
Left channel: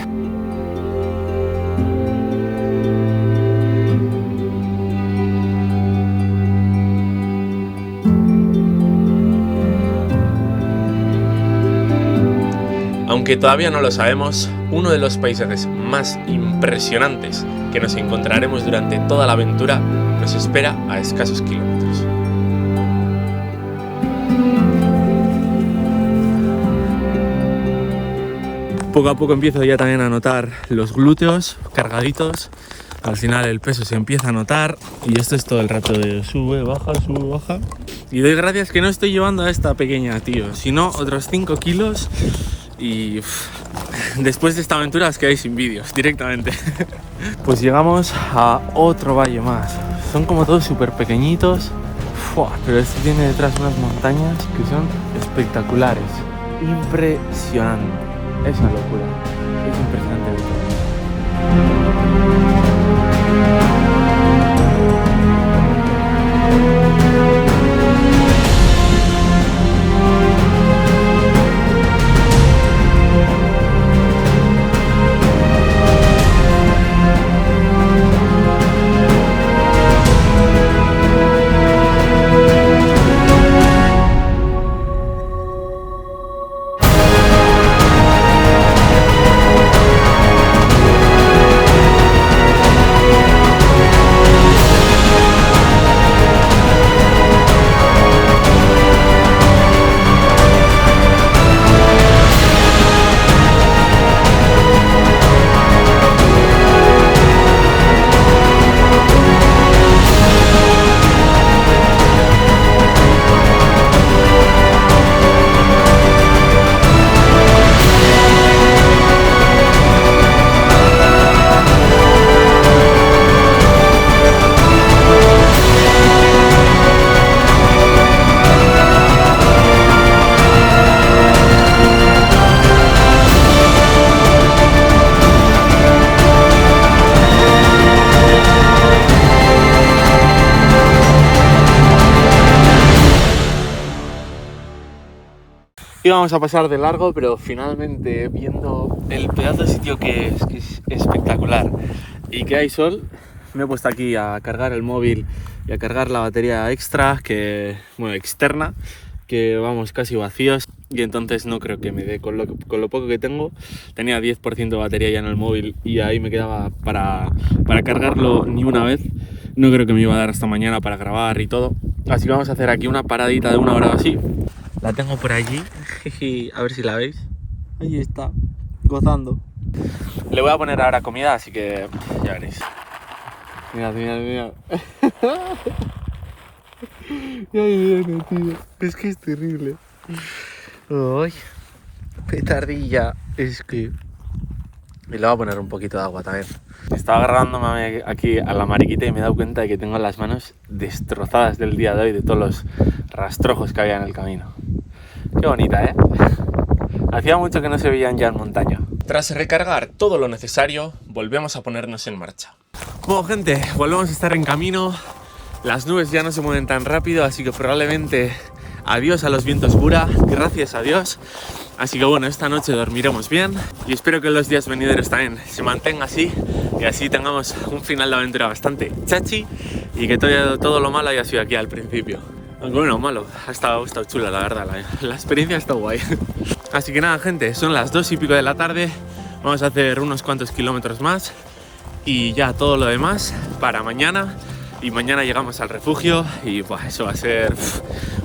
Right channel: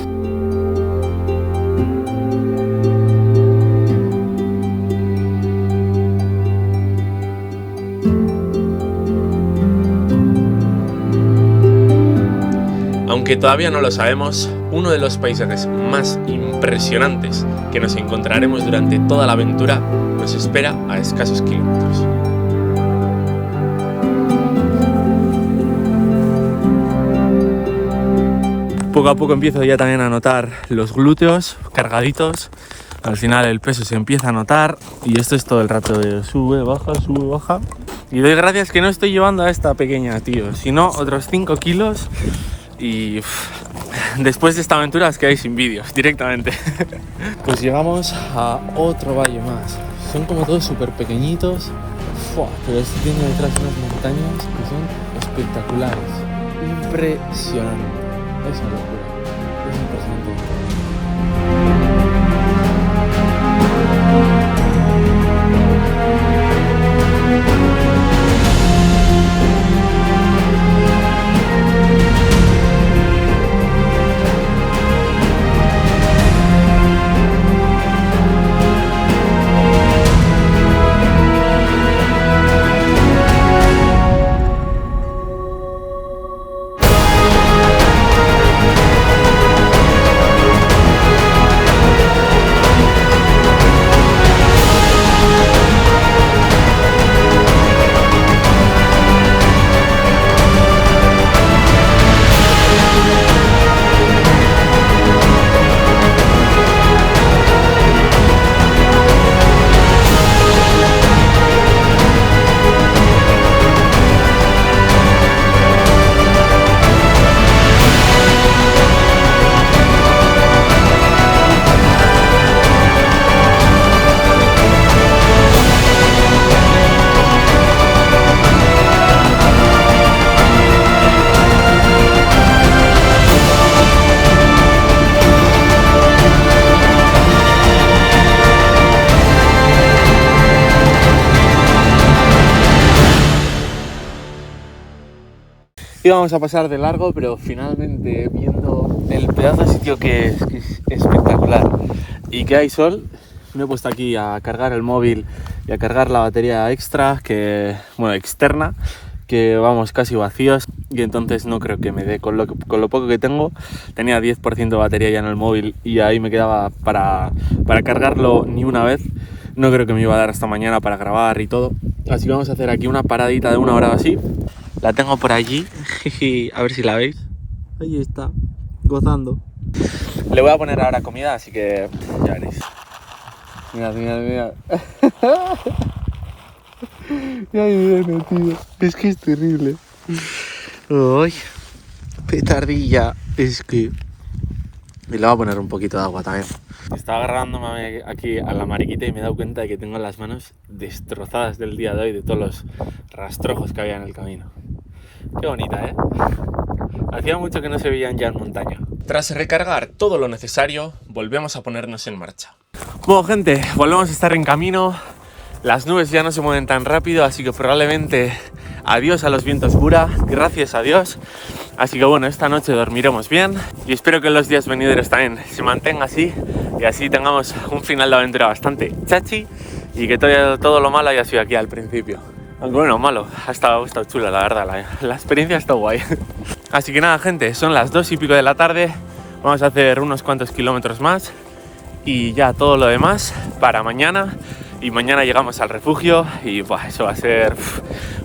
Aunque todavía no lo sabemos, uno de los paisajes más impresionantes que nos encontraremos durante toda la aventura nos espera a escasos kilómetros. Poco a poco empiezo ya también a notar los glúteos cargaditos. Al final el peso se empieza a notar y esto es todo el rato de sube, baja, sube, baja. Y doy gracias que no estoy llevando a esta pequeña, tío, sino otros 5 kilos y después de esta aventura os quedáis sin vídeos directamente. Pues llegamos a otro valle más. Son como todos súper pequeñitos, pero este tiene detrás unas montañas que son espectaculares. Impresionante. Es una locura. Es impresionante. Íbamos a pasar de largo, pero finalmente viendo el pedazo de sitio que es espectacular y que hay sol, me he puesto aquí a cargar el móvil y a cargar la batería extra, externa, que vamos casi vacíos, y entonces no creo que me dé con lo poco que tengo. Tenía 10% de batería ya en el móvil y ahí me quedaba para cargarlo ni una vez. No creo que me iba a dar hasta mañana para grabar y todo, así que vamos a hacer aquí una paradita de 1 hora o así. La tengo por allí, a ver si la veis. Ahí está, gozando. Le voy a poner ahora comida, así que ya veréis. Mirad. Ya viene, tío. Es que es terrible. Ay, petardilla. Es que... Y le voy a poner un poquito de agua también. Estaba agarrándome aquí a la mariquita y me he dado cuenta de que tengo las manos destrozadas del día de hoy, de todos los rastrojos que había en el camino. Qué bonita, ¿eh? Hacía mucho que no se veían ya en montaña. Tras recargar todo lo necesario, volvemos a ponernos en marcha. Bueno, gente, volvemos a estar en camino. Las nubes ya no se mueven tan rápido, así que probablemente adiós a los vientos Bura, gracias a Dios. Así que bueno, esta noche dormiremos bien y espero que los días venideros también se mantenga así y así tengamos un final de aventura bastante chachi y que todo lo malo haya sido aquí al principio. Aunque bueno, malo, ha estado chula la verdad, la experiencia ha estado guay. Así que nada, gente, son las 2 y pico de la tarde, vamos a hacer unos cuantos kilómetros más y ya todo lo demás para mañana. Y mañana llegamos al refugio y eso va a ser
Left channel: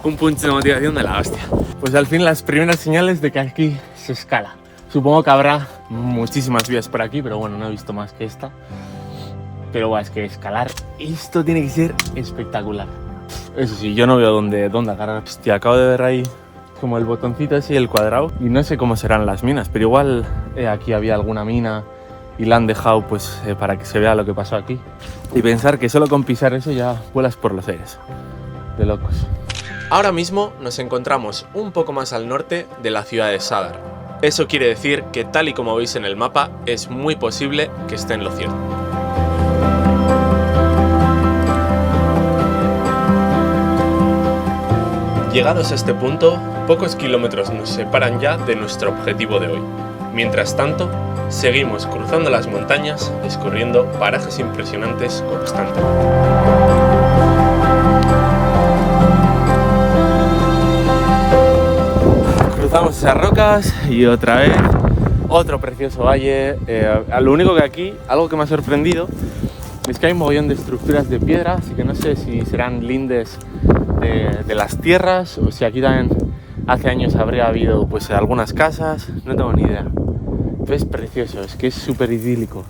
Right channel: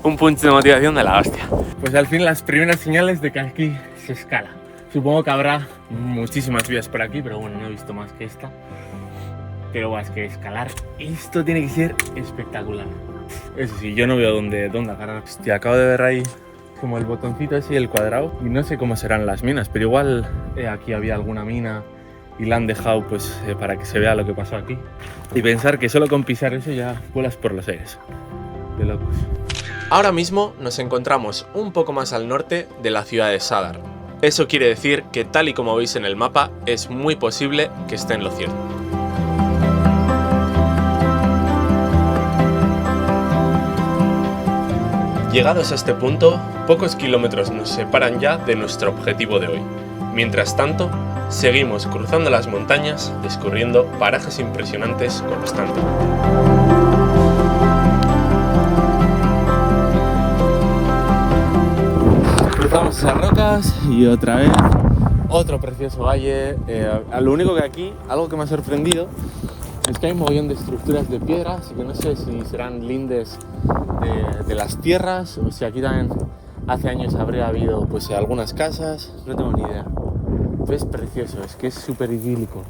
un punch de motivación de la hostia. Pues al fin las primeras señales de que aquí se escala. Supongo que habrá muchísimas vías por aquí, pero bueno, no he visto más que esta. Pero es que escalar esto tiene que ser espectacular. Eso sí, yo no veo dónde agarrar. Hostia, acabo de ver ahí como el botoncito ese y el cuadrado. Y no sé cómo serán las minas, pero igual aquí había alguna mina y la han dejado para que se vea lo que pasó aquí. Y pensar que solo con pisar eso ya vuelas por los aires. De locos. Ahora mismo nos encontramos un poco más al norte de la ciudad de Sadar. Eso quiere decir que, tal y como veis en el mapa, es muy posible que esté en lo cierto. Llegados a este punto, pocos kilómetros nos separan ya de nuestro objetivo de hoy. Mientras tanto, seguimos cruzando las montañas, descubriendo parajes impresionantes constantemente. Cruzamos esas rocas y otra vez otro precioso valle. Lo único que aquí, algo que me ha sorprendido, es que hay un mogollón de estructuras de piedra, así que no sé si serán lindes de las tierras o si aquí también hace años habría habido algunas casas, no tengo ni idea. Es precioso, es que es súper idílico.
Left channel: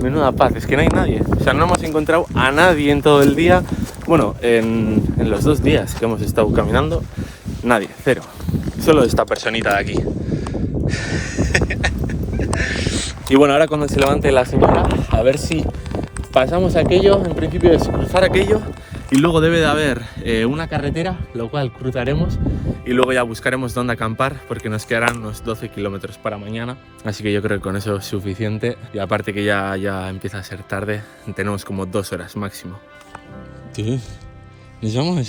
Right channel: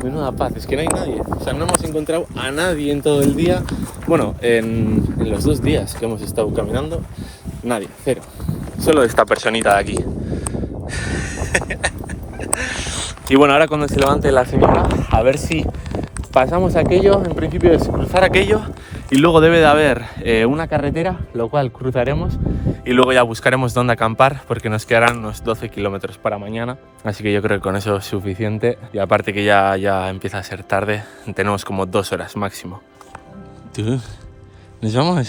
Menuda paz, es que no hay nadie. O sea, no hemos encontrado a nadie en todo el día. Bueno, en los 2 días que hemos estado caminando, nadie, cero. Solo esta personita de aquí. Y bueno, ahora cuando se levante la señora, a ver si pasamos aquello. En principio es cruzar aquello y luego debe de haber una carretera, lo cual cruzaremos y luego ya buscaremos dónde acampar porque nos quedarán unos 12 kilómetros para mañana. Así que yo creo que con eso es suficiente y aparte que ya empieza a ser tarde, tenemos como 2 horas máximo. ¿Tú? ¿Nos vamos?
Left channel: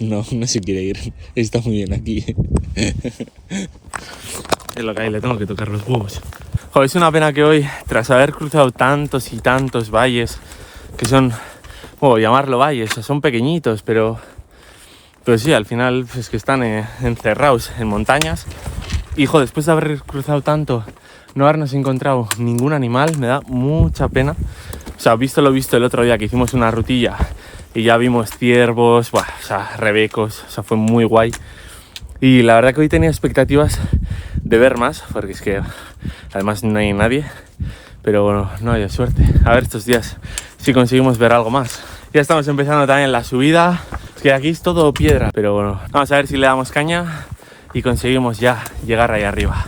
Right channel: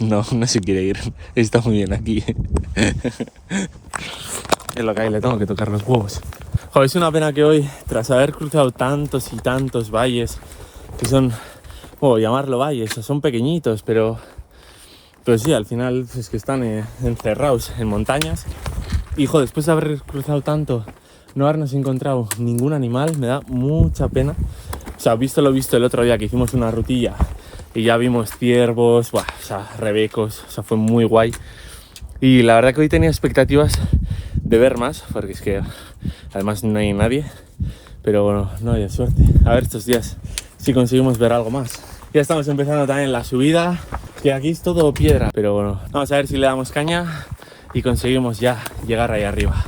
No se quiere ir, está muy bien aquí. Es lo que hay, le tengo que tocar los huevos. Joder, es una pena que hoy, tras haber cruzado tantos y tantos valles, que son, llamarlo valles, son pequeñitos, pero sí, al final es que están encerrados en montañas. Y joder, después de haber cruzado tanto, no habernos encontrado ningún animal, me da mucha pena. O sea, visto lo visto el otro día que hicimos una rutilla y ya vimos ciervos, rebecos, fue muy guay. Y la verdad que hoy tenía expectativas de ver más, porque es que además no hay nadie, pero bueno, no hay suerte. A ver estos días si conseguimos ver algo más. Ya estamos empezando también la subida, que aquí es todo piedra, pero bueno, vamos a ver si le damos caña y conseguimos ya llegar ahí arriba.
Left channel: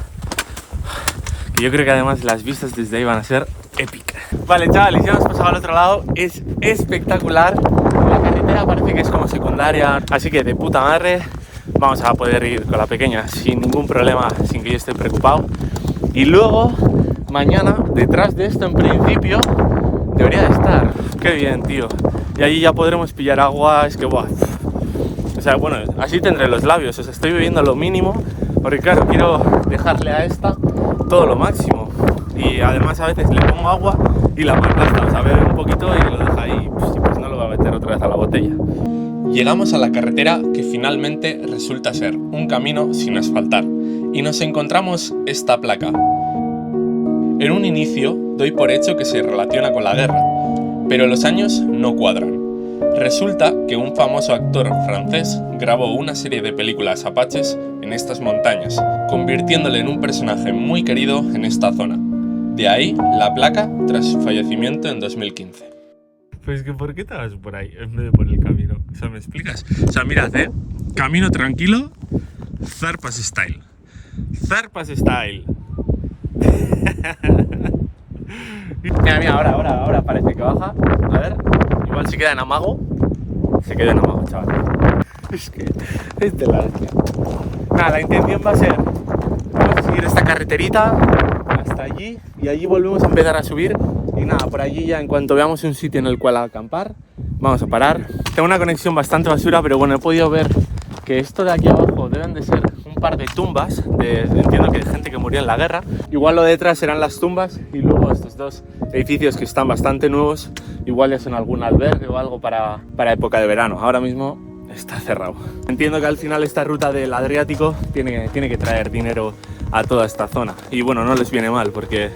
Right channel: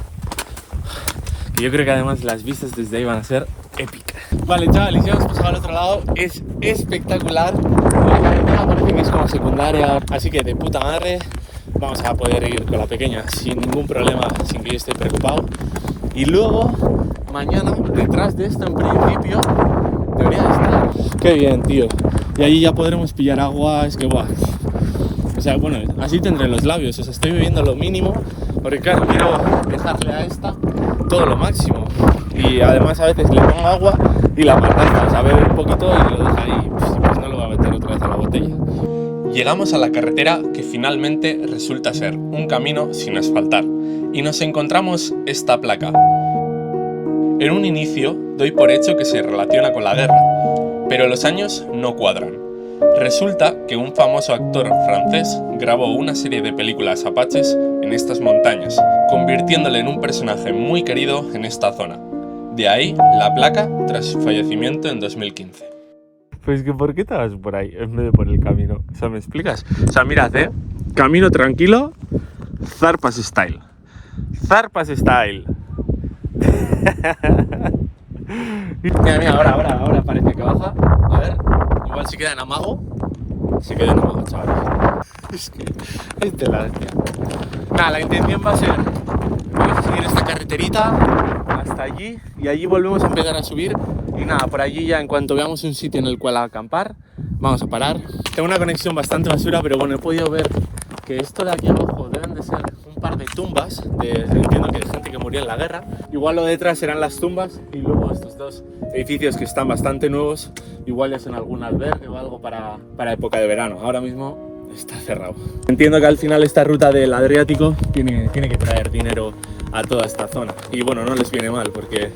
Que yo creo que además las vistas desde ahí van a ser épicas. Vale, chavales, ya hemos pasado al otro lado, es espectacular. La carretera parece que es como secundaria, así que de puta madre. Vamos a poder ir con la pequeña sin ningún problema, sin que yo esté preocupado. Y luego, mañana, detrás de esto en principio, debería de estar. Qué bien, tío. Y allí ya podremos pillar agua, es que guau. O sea, bueno, así tendré los labios, o sea, estoy bebiendo lo mínimo porque claro, quiero dejarle a esta todo lo máximo. Y además a veces le pongo agua y la malgasta, o sea, bebe un poquito y lo deja ahí, pues no lo va a meter otra vez a la botella. Llegamos a la carretera que finalmente resulta ser un camino sin asfaltar y nos encontramos esta placa. En un inicio doy por hecho que se relaciona con la guerra, pero los años no cuadran. Resulta que un famoso actor francés grabó una serie de películas apaches en estas montañas, convirtiéndole en un personaje muy querido en esta zona. De ahí la placa tras su fallecimiento en 2015. Pues que ¿por qué te vas por ahí en vez de por el camino? O sea, ¿me explicas? O sea, mirad, camino tranquilo, Zarpas Style. Zarpas Style. Mira, ahora parece que baja. A ver, igual se queda en amago. Se queda en amago, chavales. Es que es de la hostia. Nada, la intención va a ser, vamos a seguir esta carreterita hasta allí y allí volvemos a empezar a subir. Y nada, por allí ya en cuanto veamos un sitio en el cual acampar, vamos a parar. Tengo una conexión bastante basura, pero bueno, he podido ver que esto de aquí abajo deben de ser un par de tumbas, entiendo que de gente que murió en la guerra. Igual lo de detrás serán las tumbas y luego estos dos edificios que están bastante nuevos, igual ya son algún albergue o algo para época de verano. Ahora mismo está cerrado. Entiendo que al final esta ruta del Adriático tiene que traer dinero a toda esta zona. Y bueno, no les viene mal porque...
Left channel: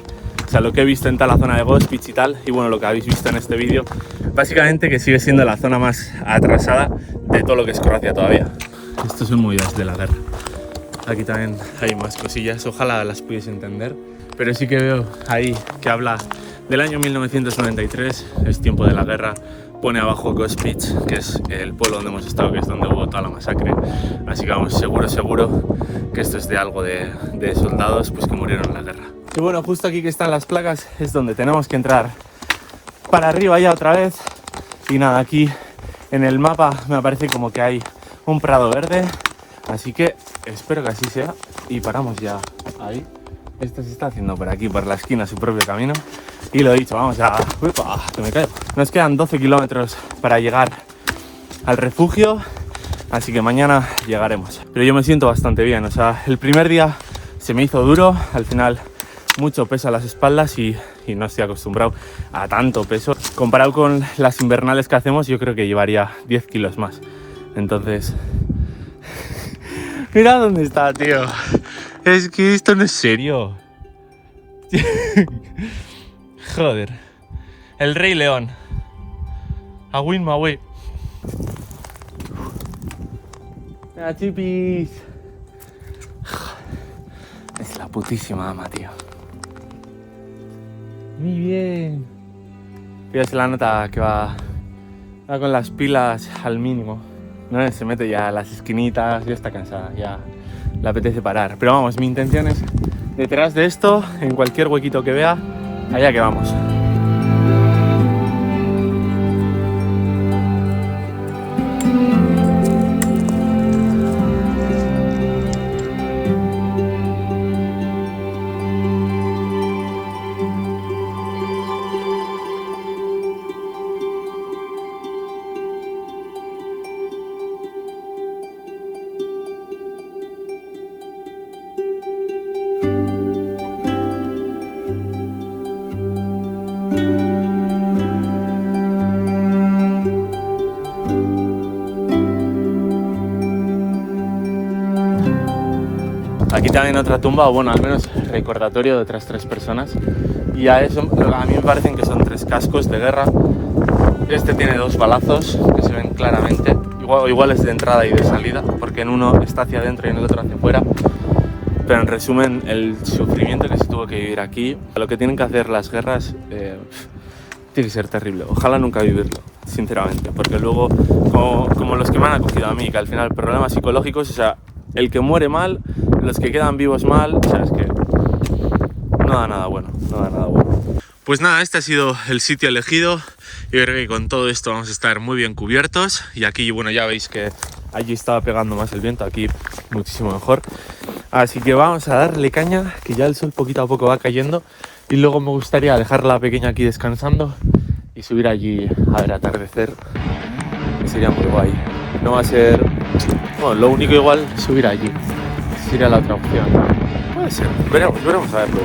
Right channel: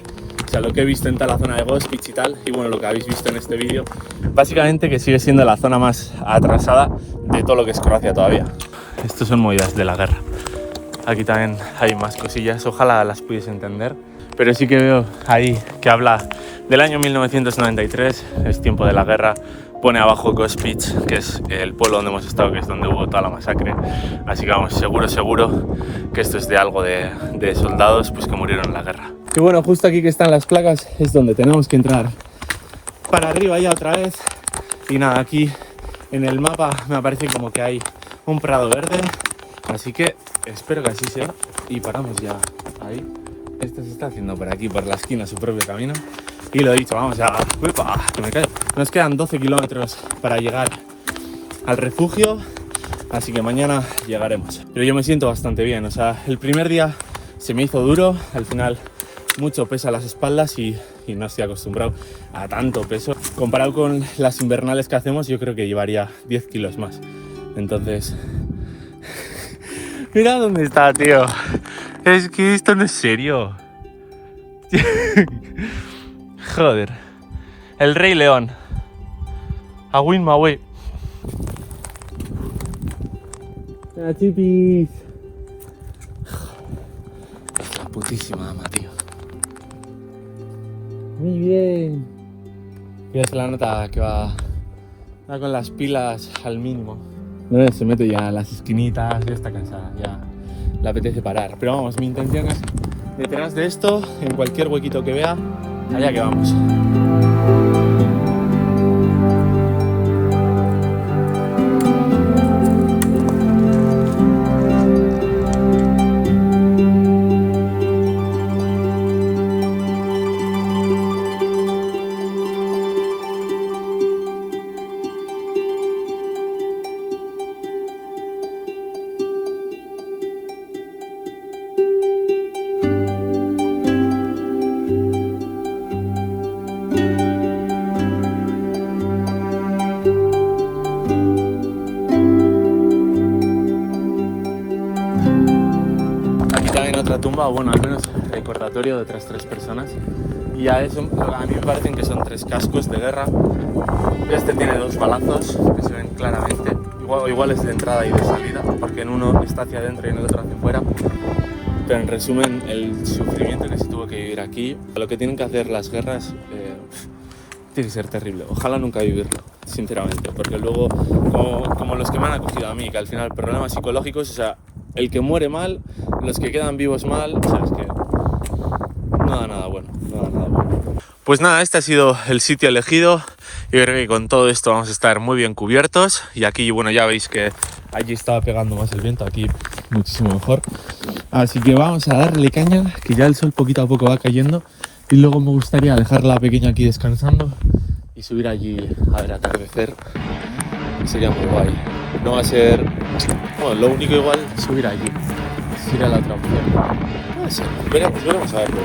O sea, lo que he visto en toda la zona de Gospić y tal, y bueno, lo que habéis visto en este vídeo, básicamente que sigue siendo la zona más atrasada de todo lo que es Croacia todavía. Estos son movidas de la guerra. Aquí también hay más cosillas, ojalá las pudiese entender, pero sí que veo ahí que habla del año 1993, es tiempo de la guerra, pone abajo Gospić, que es el pueblo donde hemos estado, que es donde hubo toda la masacre, así que vamos, seguro que esto es de algo de soldados pues que murieron en la guerra. Y bueno, justo aquí que están las placas es donde tenemos que entrar para arriba ya otra vez. Y nada, aquí en el mapa me aparece como que hay un prado verde, así que espero que así sea y paramos ya ahí. Esto se está haciendo por aquí, por la esquina, su propio camino. Y lo he dicho, vamos ya, ¡uepa! Que me caigo. Nos quedan 12 kilómetros para llegar al refugio, así que mañana llegaremos. Pero yo me siento bastante bien, o sea, el primer día se me hizo duro, al final mucho peso a las espaldas y no estoy acostumbrado a tanto peso. Comparado con las invernales que hacemos, yo creo que llevaría 10 kilos más. Entonces... Mira dónde está, tío. Es que esto no es serio. Joder. El Rey León. A win my way. Mira, chipis. Es la putísima ama, tío. Muy bien. Fíjate la nota que va con las pilas al mínimo. No se mete ya a las esquinitas, ya está cansada, ya le apetece parar. Pero vamos, mi intención es detrás de esto, en cualquier huequito que vea, allá que vamos. También otra tumba, o bueno, al menos recordatorio de otras 3 personas. Y a eso, a mí me parecen que son 3 cascos de guerra. Este tiene 2 balazos que se ven claramente. Igual es de entrada y de salida, porque en uno está hacia adentro y en el otro hacia afuera. Pero en resumen, el sufrimiento que se tuvo que vivir aquí, lo que tienen que hacer las guerras, tiene que ser terrible. Ojalá nunca vivirlo, sinceramente, porque luego, como los que me han acogido a mí, que al final problemas psicológicos, o sea, el que muere mal, los que quedan vivos mal, o sea, es que no da nada bueno, no da nada bueno. Pues nada, este ha sido el sitio elegido. Yo creo que con todo esto vamos a estar muy bien cubiertos. Y aquí, bueno, ya veis que allí estaba pegando más el viento, aquí muchísimo mejor. Así que vamos a darle caña, que ya el sol poquito a poco va cayendo. Y luego me gustaría dejar la pequeña aquí descansando y subir allí a ver atardecer, que sería muy guay. No va a ser... Bueno, lo único igual es subir allí. sería la otra opción. No sé, veremos a verlo.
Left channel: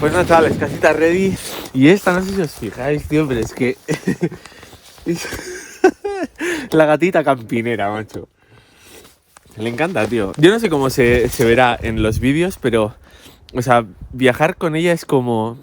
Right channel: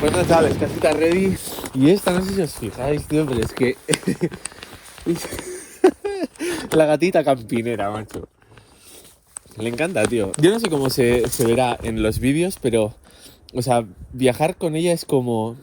Pues no, chavales, casita ready. Y esta, no sé si os fijáis, tío, pero es que... la gatita campinera, macho. Le encanta, tío. Yo no sé cómo se verá en los vídeos, pero... O sea, viajar con ella es como...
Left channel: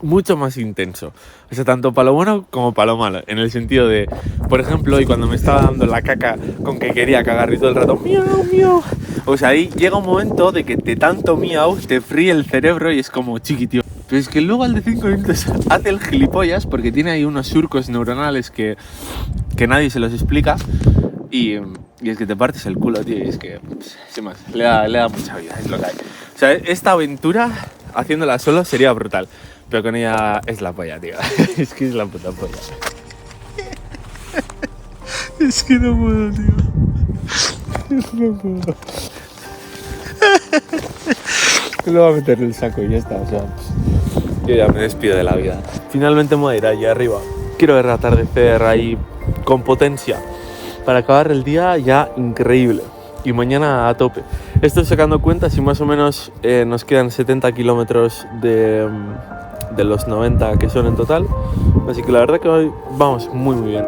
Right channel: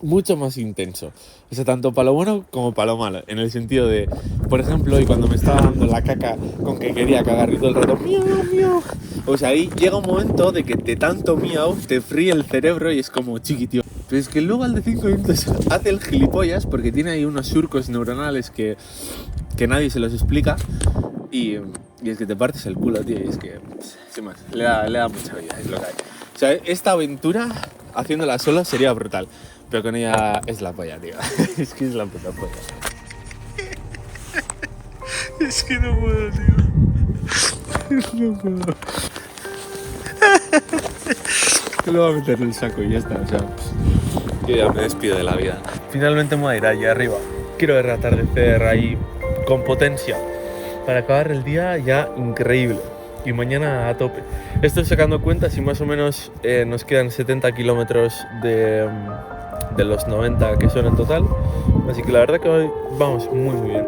mucho más intenso. O sea, tanto para lo bueno como para lo malo. En el sentido de... Por ejemplo, hoy cuando me estaba dando la caca con que quería cagar y todo el rato... ¡Miau, miau! O sea, ahí llega un momento de que de tanto miau te fríe el cerebro y es como chiqui, tío. Pero es que luego al de 5 minutos hace el gilipollas porque tiene ahí unos surcos neuronales que nadie se los explica y es que te partes el culo, tío, y es que, sin más, le da mucha vida, es lo que hay. O sea, esta aventura, haciéndola solo, sería brutal, pero con ella es la polla, tío. Es que es la puta polla. Es que no puedo, tío. No puedo. Le voy a meter el saco y ya está, o sea, yo ya me despido de la vida. Finalmente me voy a ir allí arriba. Quiero ver el atardecer ahí con potencia para acabar el día ya increíble y mañana a tope. Estoy sacando cuentas y más o menos nos quedan 70 kilómetros de los 90 que son en total, así que la verdad que hoy vamos muy bien.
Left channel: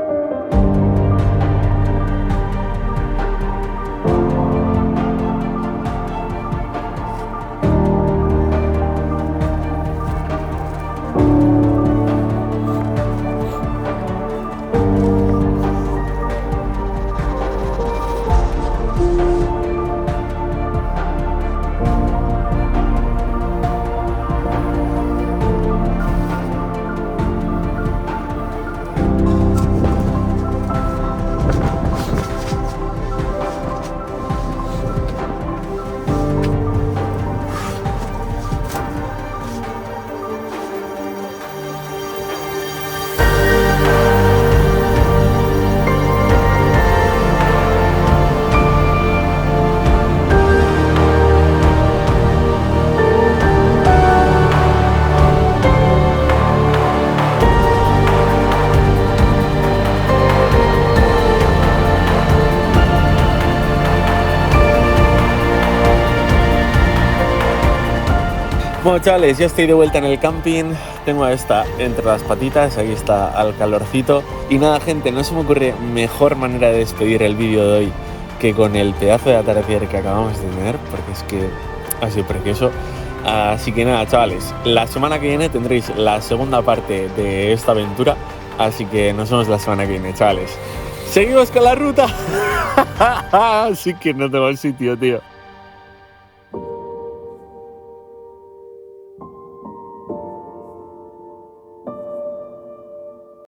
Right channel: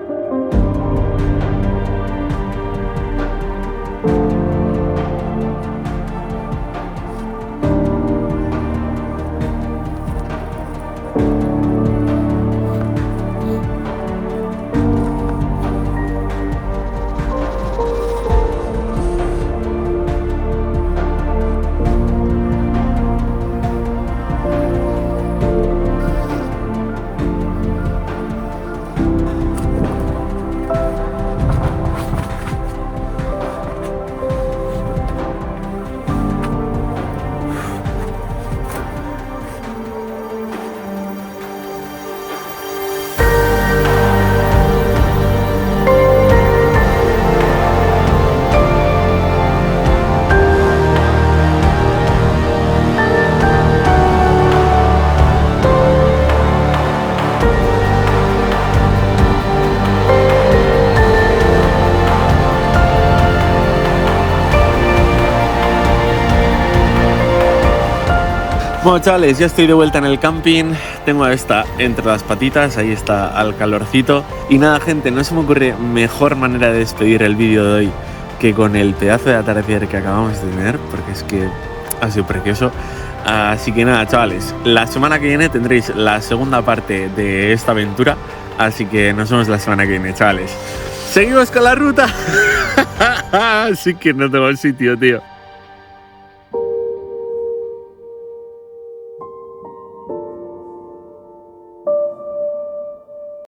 Bueno, chavales, ya estoy de vuelta en el camping. Tengo a esta entre las patitas, ahí está al calorcito. Y nada, gente, no se me ocurre mejor manera de despedir el vídeo de hoy que con el pedazo de atardecer que acabamos de tener, porque es que ha sido precioso. Así que nada, chavales, la semana que viene tendréis la segunda parte de esta aventura. Así que nos vemos la semana que viene, chavales. ¡Seguimos con la ruta! Así que no tengo el sitio, tío.